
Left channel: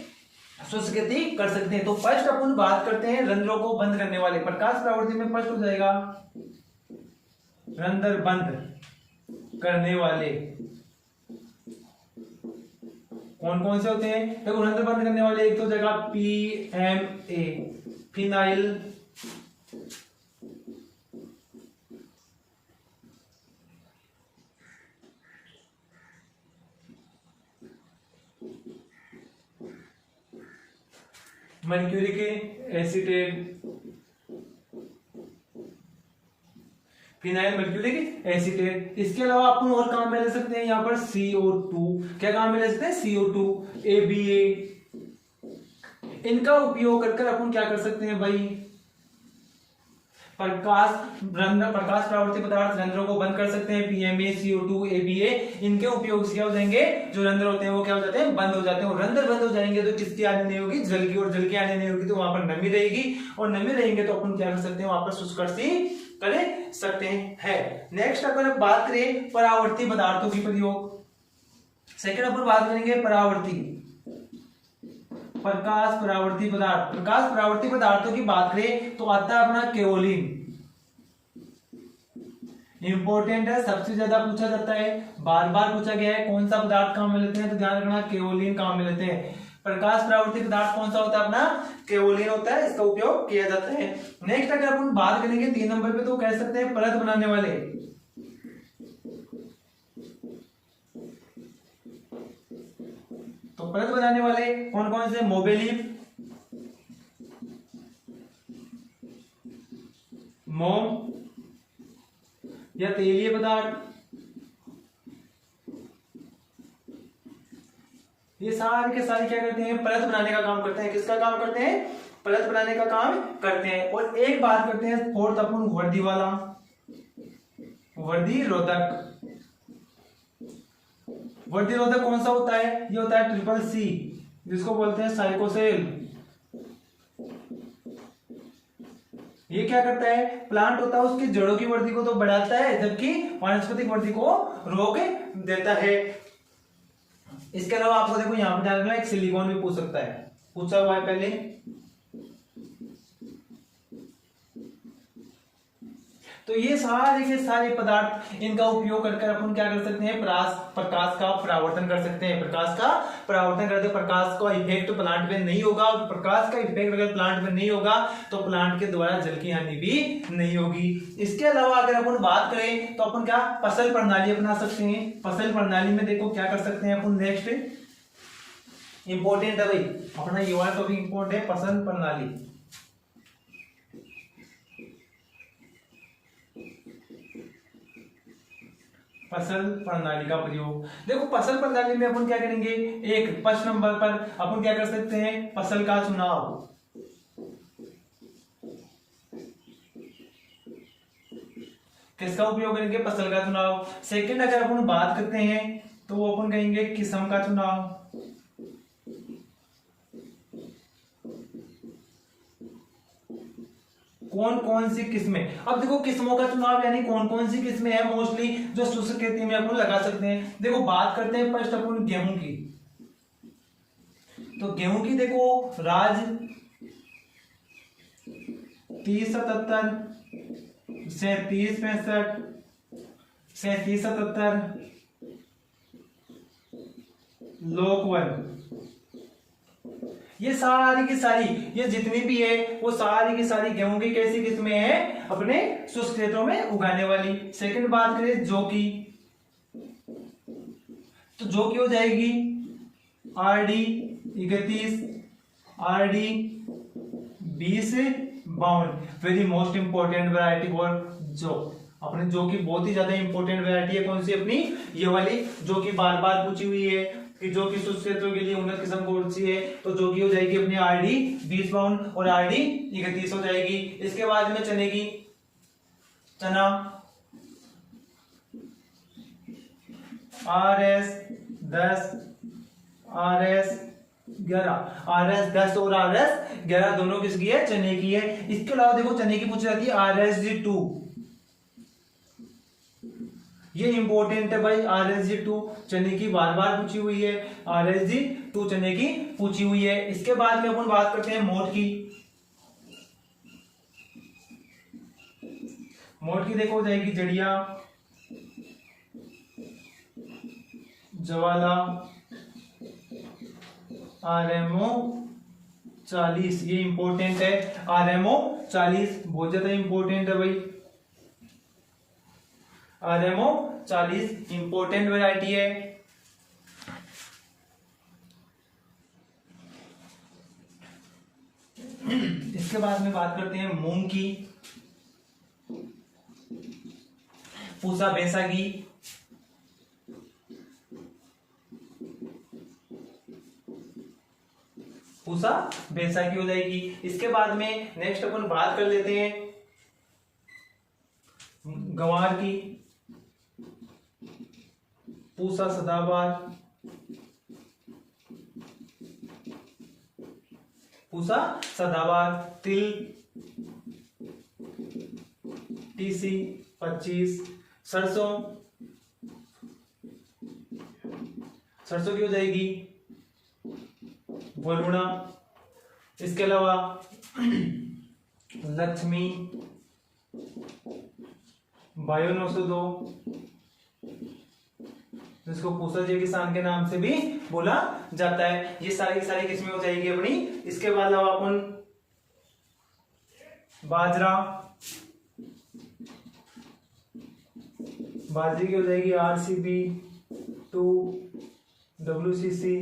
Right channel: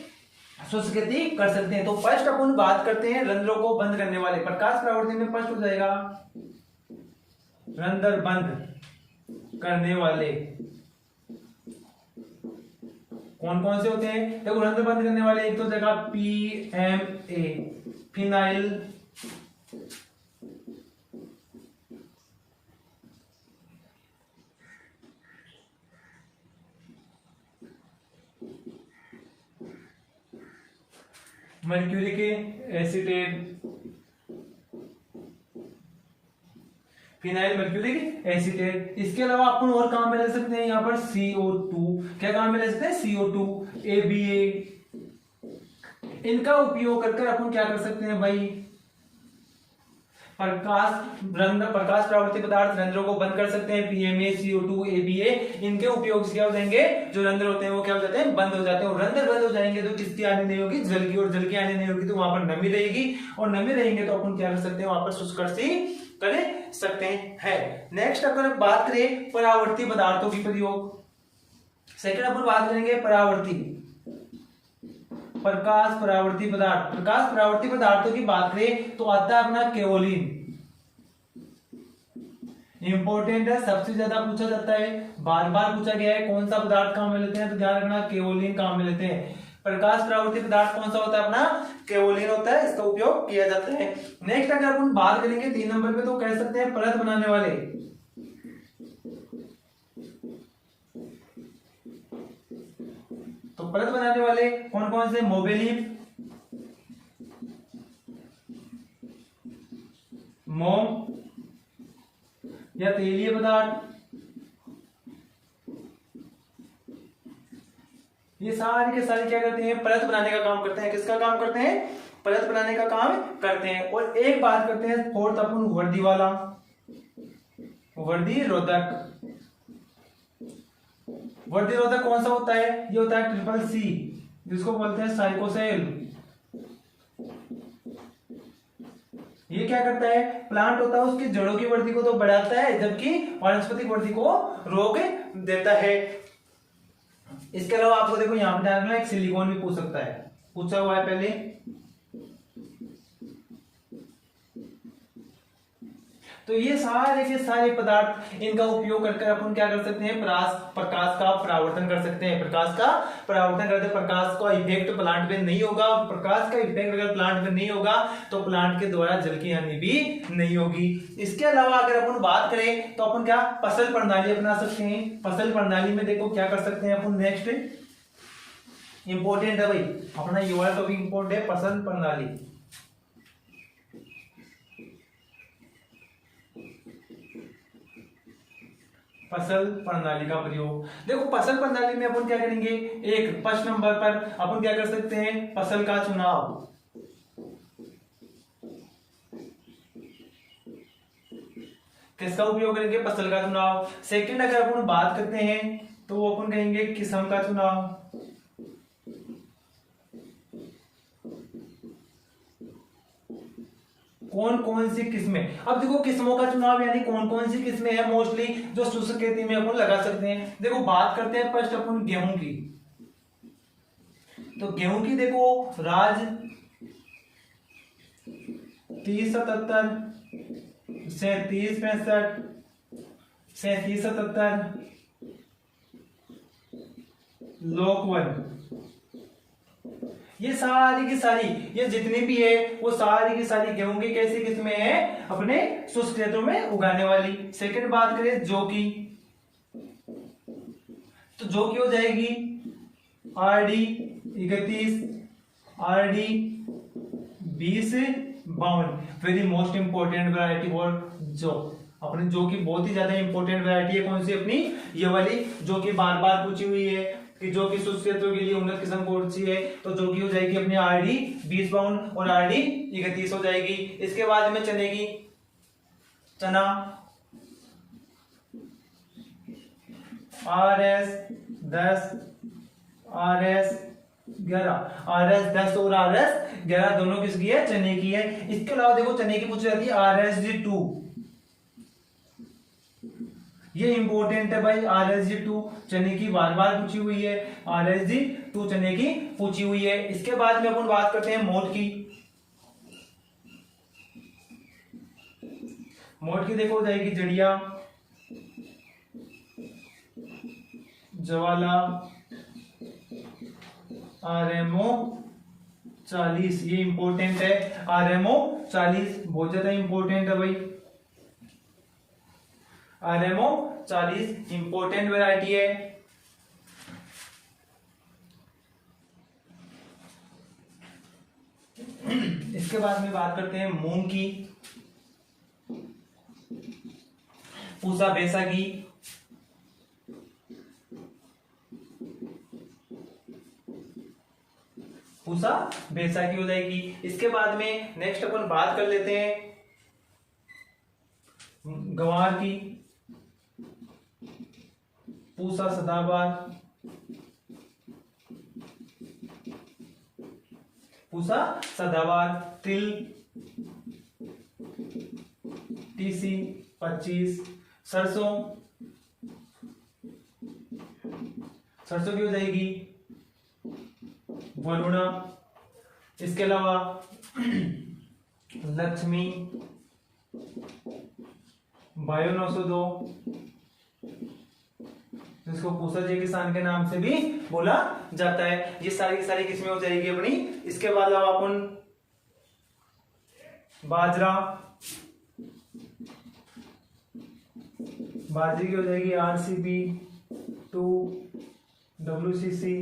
शुष्क खेती कर सकते हैं। तो फर्स्ट अपन बात करते हैं रंध्रों को बंद करने वाले। प्रकाश परावर्तन में फर्स्ट हो जाएगा रंध्र बंद करने वाले। कौन कौन से होते हैं, देखो रंध्र बंद करने वाले, एक तो जगह PMA, phenyl mercuric acetate, phenyl mercuric acetate. इसके अलावा अपन और काम में ले सकते हैं यहाँ पर CO2। क्या काम में ले सकते हैं, CO2, ABA। इनका उपयोग कर अपन क्या कर सकते हैं भाई, प्रकाश प्रवृत्ति पदार्थ रंध्रों को बंद कर सकते हैं। PMA, CO2, ABA, इनके उपयोग से क्या हो जाएंगे, जो रंध्र होते हैं वो क्या हो जाते हैं, बंद हो जाते हैं। और रंध्र बंद हो जाएंगे तो किसकी हानि नहीं होगी, जल की। और जल की हानि नहीं होगी तो वहां पर नमी रहेगी, और नमी रहेंगे तो अपन क्या कर सकते हैं, वहां पर शुष्क कर सकते हैं। नेक्स्ट अपन बात करें परावर्ती पदार्थों की प्रयोग। सेकंड अपन बात करेंगे परावर्ती, प्रकाश परावर्ती पदार्थ। प्रकाश परावर्ती पदार्थों की बात करें तो आता है अपना केओलिन। इंपॉर्टेंट है, सबसे ज्यादा पूछा जाता है, बार बार पूछा गया है कौन सा पदार्थ काम में लेते हैं, तो ध्यान रखना केओलिन काम में लेते हैं। प्रकाश परावर्ती पदार्थ कौन सा होता है, अपना केओलिन होता है, इसका उपयोग किया जाता है। नेक्स्ट अगर अपन बात करेंगे 3 नंबर पे तो कह सकते हैं परत बनाने वाले। परत बनाने वाले कौन कौन से, मोबेलिन, मोम या तेलीय पदार्थ, ये सारे के सारे क्या करते हैं, परत बनाने का काम करते हैं। किसका काम करते हैं, परत बनाने का काम करते हैं। और एक बात करते हैं फोर्थ अपन, वर्दी वाला, वर्दी रोधक। वर्दी रोधक कौन सा होता है, ये होता है ट्रिपल सी, जिसको बोलते हैं साइकोसेल। ये क्या करता है, प्लांट होता है उसकी जड़ों की वृद्धि को तो बढ़ाता है, जबकि वानस्पतिक वृद्धि को रोक देता है। इसके अलावा आपको देखो यहां पर ध्यान में एक सिलिकॉन भी पूछ सकता है, पूछा हुआ है पहले। तो ये सारे के सारे पदार्थ, इनका उपयोग करके अपन क्या कर सकते हैं, प्रकाश का परावर्तन कर सकते हैं। प्रकाश का परावर्तन करते, प्रकाश का इफेक्ट प्लांट पे नहीं होगा। प्रकाश का इफेक्ट अगर प्लांट पे नहीं होगा तो प्लांट के द्वारा जल की हानि भी नहीं होगी। इसके अलावा अगर अपन बात करें तो अपन क्या फसल प्रणाली अपना सकते हैं। फसल प्रणाली में देखो क्या कर सकते हैं अपन, नेक्स्ट इंपॉर्टेंट है भाई अपना, ये वाला टॉपिक इंपॉर्टेंट है, फसल प्रणाली। फसल प्रणाली का प्रयोग, देखो फसल प्रणाली में अपन क्या करेंगे, एक फर्स्ट नंबर पर अपन क्या कर सकते हैं, फसल का चुनाव। किसका उपयोग करेंगे, फसल का चुनाव। सेकंड अगर अपन बात करते हैं तो अपन कहेंगे किस्म का चुनाव। कौन कौन सी किस्में, अब देखो किस्मों का चुनाव यानी कौन कौन सी किस्में हैं मोस्टली जो शुष्क खेती में अपन लगा सकते हैं। देखो बात करते हैं फर्स्ट अपन गेहूं की, तो गेहूं की देखो राज 3077, 3765, 3777, लोकवन, ये सारी की सारी, ये जितनी भी है वो सारी की सारी गेहूं की कैसी किस्में हैं, अपने शुष्क क्षेत्रों में उगाने वाली। सेकंड बात करें जौ की, तो जौ की हो जाएगी RD 31, RD 2052, very most important variety for जौ। अपने जौ की बहुत ही ज्यादा इंपॉर्टेंट वैरायटी है कौन सी, अपनी ये वाली, जो कि बार बार पूछी हुई है कि जो कि शुष्क क्षेत्रों के लिए उन्नत किस्म कौन सी है, तो जो की हो जाएगी अपनी RD 2052 और RD 31 हो जाएगी। इसके बाद में चने की, चना RS 10, RS 11, RS 10 और RS 11 दोनों किसकी है, चने की है। इसके अलावा देखो चने की पूछी जाती है RSG 2, ये इंपॉर्टेंट है भाई, RSG 2 चने की बार बार पूछी हुई है, RSG 2 चने की पूछी हुई है। इसके बाद में अपन बात करते हैं मोठ की। मोठ की देखो हो जाएगी जड़िया, जवाला, RMO 40, ये इंपॉर्टेंट है, RMO 40 बहुत ज्यादा इंपॉर्टेंट है भाई, RMO 40 इंपोर्टेंट वैरायटी है। इसके बाद में बात करते हैं मूंग की, पूसा बैसाखी, पूसा बैसाखी हो जाएगी। इसके बाद में नेक्स्ट अपन बात कर लेते हैं गंवार की, पूसा सदाबहार, पूसा सदाबहार, तिल TC 25, सरसों, सरसों की हो जाएगी वरुणा। इसके अलावा लक्ष्मी, बायो 902, जिसको पूसा जय किसान के नाम से भी बोला जाता है। ये सारी की सारी किस्में हो जाएगी अपनी। इसके बाद अपन बाजरा, बाजरे की हो जाएगी RCB 2, WCC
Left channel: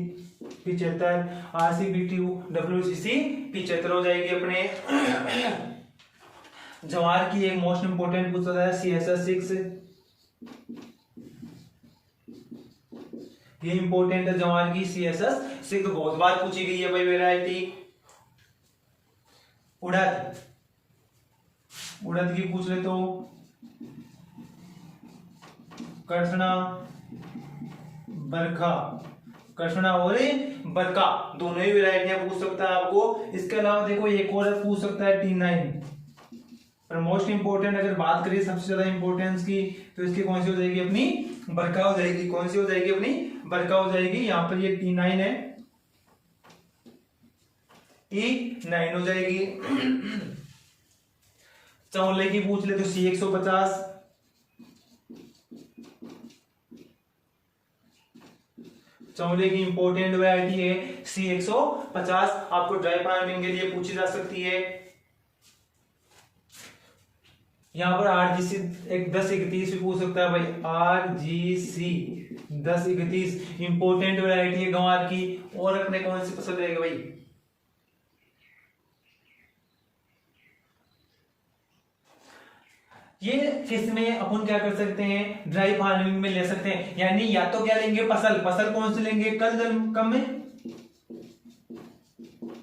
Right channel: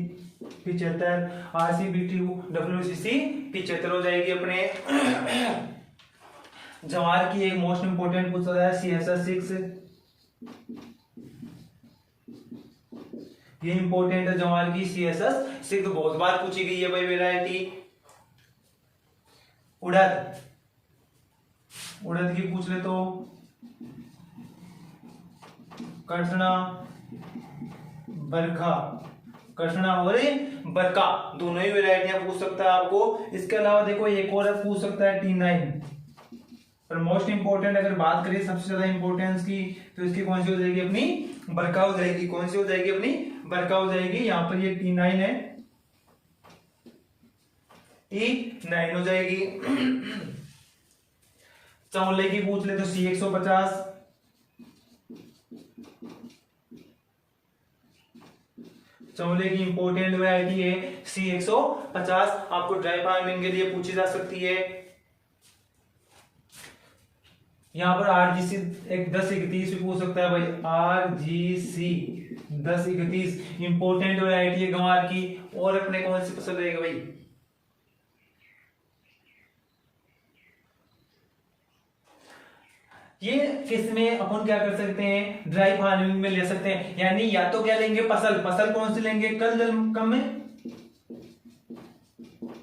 75, RCBTU WCC 75 हो जाएगी अपने। जवार की एक मोस्ट इंपोर्टेंट पूछा है CSS 6, ये इंपोर्टेंट है जवार की CSS 6, बहुत बार पूछी गई है भाई वेराइटी। उड़द, उड़द की पूछ ले तो कृष्णा, बरखा, कृष्णा और बरका दोनों ही वेराइटियां पूछ सकता है आपको। इसके अलावा देखो एक और पूछ सकता है T9, पर मोस्ट इंपोर्टेंट अगर बात करें सबसे ज्यादा इंपोर्टेंस की तो इसकी कौन सी हो जाएगी अपनी बरका हो जाएगी। कौन सी हो जाएगी अपनी बरका हो जाएगी। यहाँ पर ये T9 है, T9 हो जाएगी। चौले की पूछ ले तो C150, चौले की इंपोर्टेंट वैरायटी है C150, आपको ड्राई फार्मिंग के लिए पूछी जा सकती है। यहाँ पर RGC 1031 भी पूछ सकता है भाई, RGC 1031 इंपोर्टेंट वैरायटी है गंवार की। और अपने कौन सी पसंद रहेगी भाई, ये किसमें अपन क्या कर सकते हैं, ड्राई फार्मिंग में ले सकते हैं। यानी या तो क्या लेंगे फसल, फसल कौन सी लेंगे, कल जल कम में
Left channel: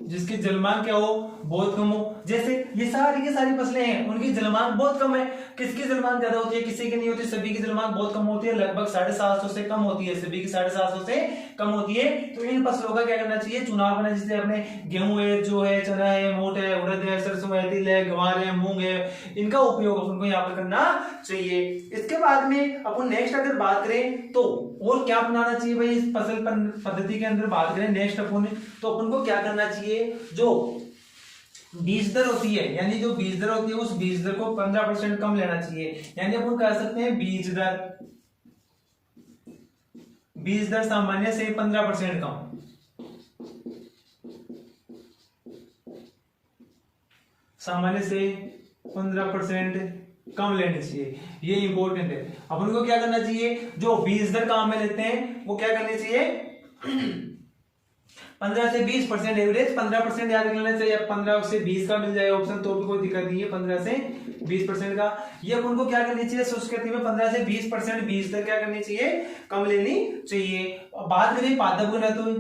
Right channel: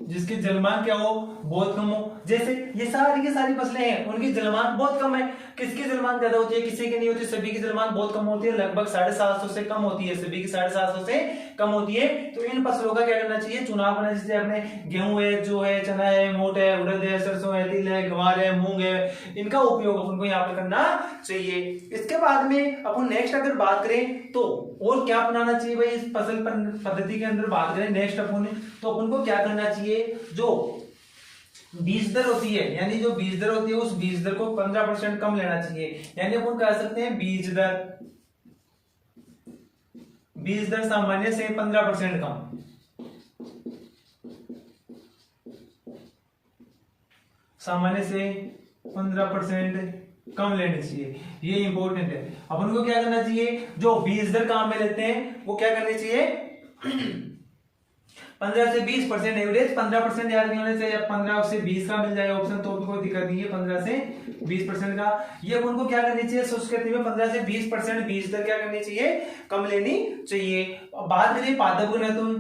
जिसकी जलमान क्या हो बहुत कम हो। जैसे ये सारी की सारी फसलें हैं उनकी जलमान बहुत कम है। किसकी जलमान ज्यादा होती है, किसी की नहीं होती, सभी की जलमान बहुत कम होती है, लगभग 750 से कम होती है, सभी की 750 से कम होती है। तो इन फसलों का क्या करना चाहिए, चुनाव करना। जैसे अपने गेहूं है, जो है चना है, मोट है, उड़द है, सरसों है, तिल है, ग्वार है, मूंग है, इनका उपयोग अपन को यहाँ पर करना चाहिए। इसके बाद में अपन नेक्स्ट अगर बात करें तो और क्या अपनाना चाहिए भाई इस फसल पद्धति के अंदर बात करें नेक्स्ट अपन, तो अपन को क्या करना चाहिए, जो बीज दर होती है, यानी जो बीज दर होती है उस बीज दर को 15% कम लेना चाहिए। यानी अपन कह सकते हैं बीज दर सामान्य से 15% कम, सामान्य से 15% कम लेनी चाहिए, ये इंपॉर्टेंट है। अपन को क्या करना चाहिए, जो बीज दर काम में लेते हैं वो क्या करनी चाहिए 15 से 20% एवरेज, 15% याद लेना चाहिए। 15 से 20 का मिल जाएगा ऑप्शन तो भी कोई दिक्कत नहीं है, 15 से 20% का ये अपन को क्या करनी चाहिए, शुष्ककृषि में 15 से 20% बीज दर क्या करनी चाहिए, कम लेनी चाहिए। बात करिए पादप घनत्व,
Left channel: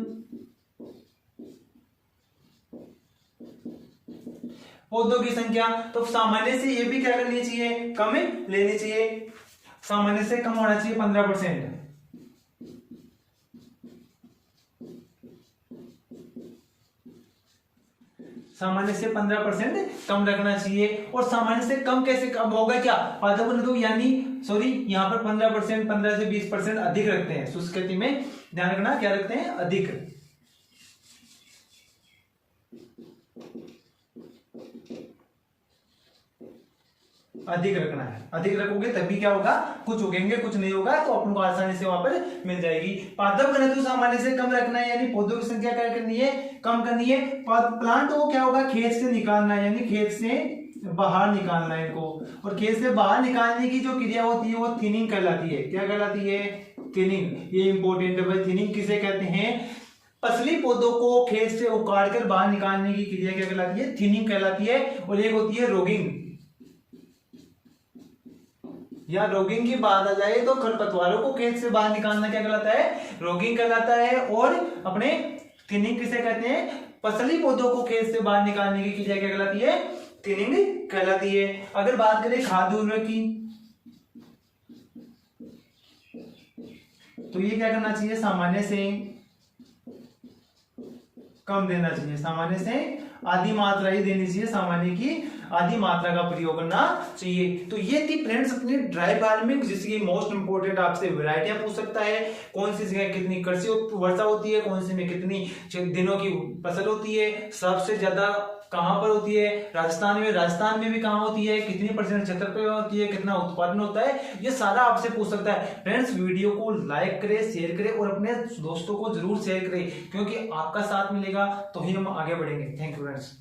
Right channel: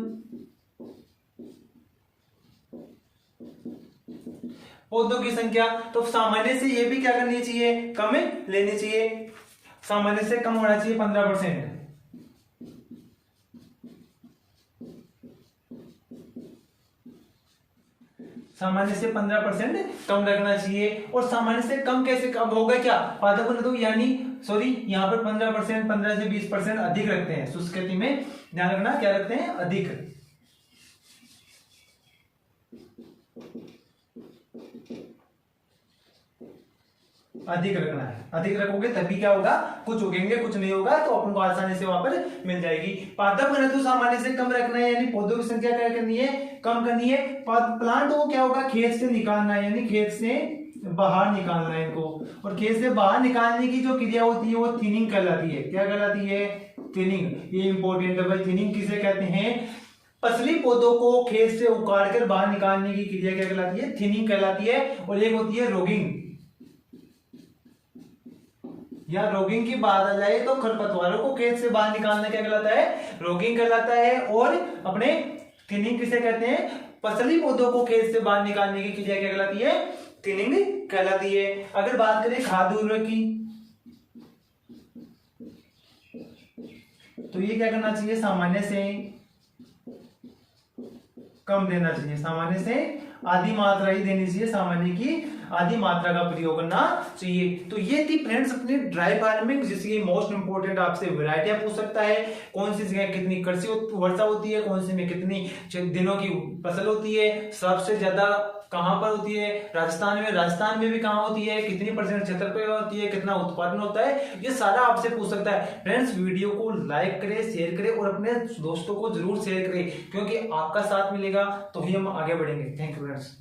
पौधों की संख्या, तो सामान्य से ये भी क्या करनी चाहिए, कम लेनी चाहिए, सामान्य से कम होना चाहिए 15%। सामान्य से 15% कम रखना चाहिए। और सामान्य से कम कैसे कम होगा, क्या पादप घनत्व, यानी सॉरी यहाँ पर 15%, 15 से 20% अधिक रखते हैं। शुष्क खेती में ध्यान रखना क्या रखते हैं, अधिक रखना है। अधिक रखोगे तभी क्या होगा, कुछ उगेंगे, कुछ नहीं होगा, तो अपन को आसानी से वहां पर मिल जाएगी। पादप घनत्व सामान्य से कम रखना है, यानी पौधों की संख्या क्या करनी है, कम करनी है। प्लांट को क्या होगा, खेत से निकालना है, यानी खेत से बाहर निकालना है इनको। और खेत से बाहर निकालने की जो क्रिया होती है वो थिनिंग कहलाती है। क्या कहलाती है, थिनिंग। ये इंपॉर्टेंट है भाई, थिनिंग किसे कहते हैं, फसली पौधों को खेत से उखाड़कर बाहर निकालने की क्रिया क्या कहलाती है, थिनिंग कहलाती है। और एक होती है रोगिंग, या रोगिंग की बात आ जाए तो खरपतवारों को खेत से बाहर निकालना क्या कहलाता है, रोगिंग कहलाता है। और अपने थिनिंग किसे कहते हैं, फसली पौधों को खेत से बाहर निकालने की क्रिया क्या कहलाती है, थिनिंग कहलाती है। अगर बात करें खाद्य उर्वरक की, तो ये क्या करना चाहिए, सामान्य से कम देना चाहिए, सामान्य से आधी मात्रा ही देनी चाहिए, सामान्य की आधी मात्रा का प्रयोग करना चाहिए। तो ये थी फ्रेंड्स अपनी ड्राई फार्मिंग, जिसकी मोस्ट इंपोर्टेंट आपसे वैरायटियां पूछ सकता है, कौन सी जगह कितनी कृषि वर्षा होती है, कौन सी में कितनी दिनों की फसल होती है, सबसे ज्यादा कहां पर होती है, राजस्थान में भी कहां होती है, कितनी % क्षेत्र पे होती है, कितना उत्पादन होता है, ये सारा आपसे पूछ सकता है। फ्रेंड्स वीडियो को लाइक करें, शेयर करें और अपने दोस्तों को जरूर शेयर करें, क्योंकि आपका साथ मिलेगा तो ही हम आगे बढ़ेंगे। Thank you friends.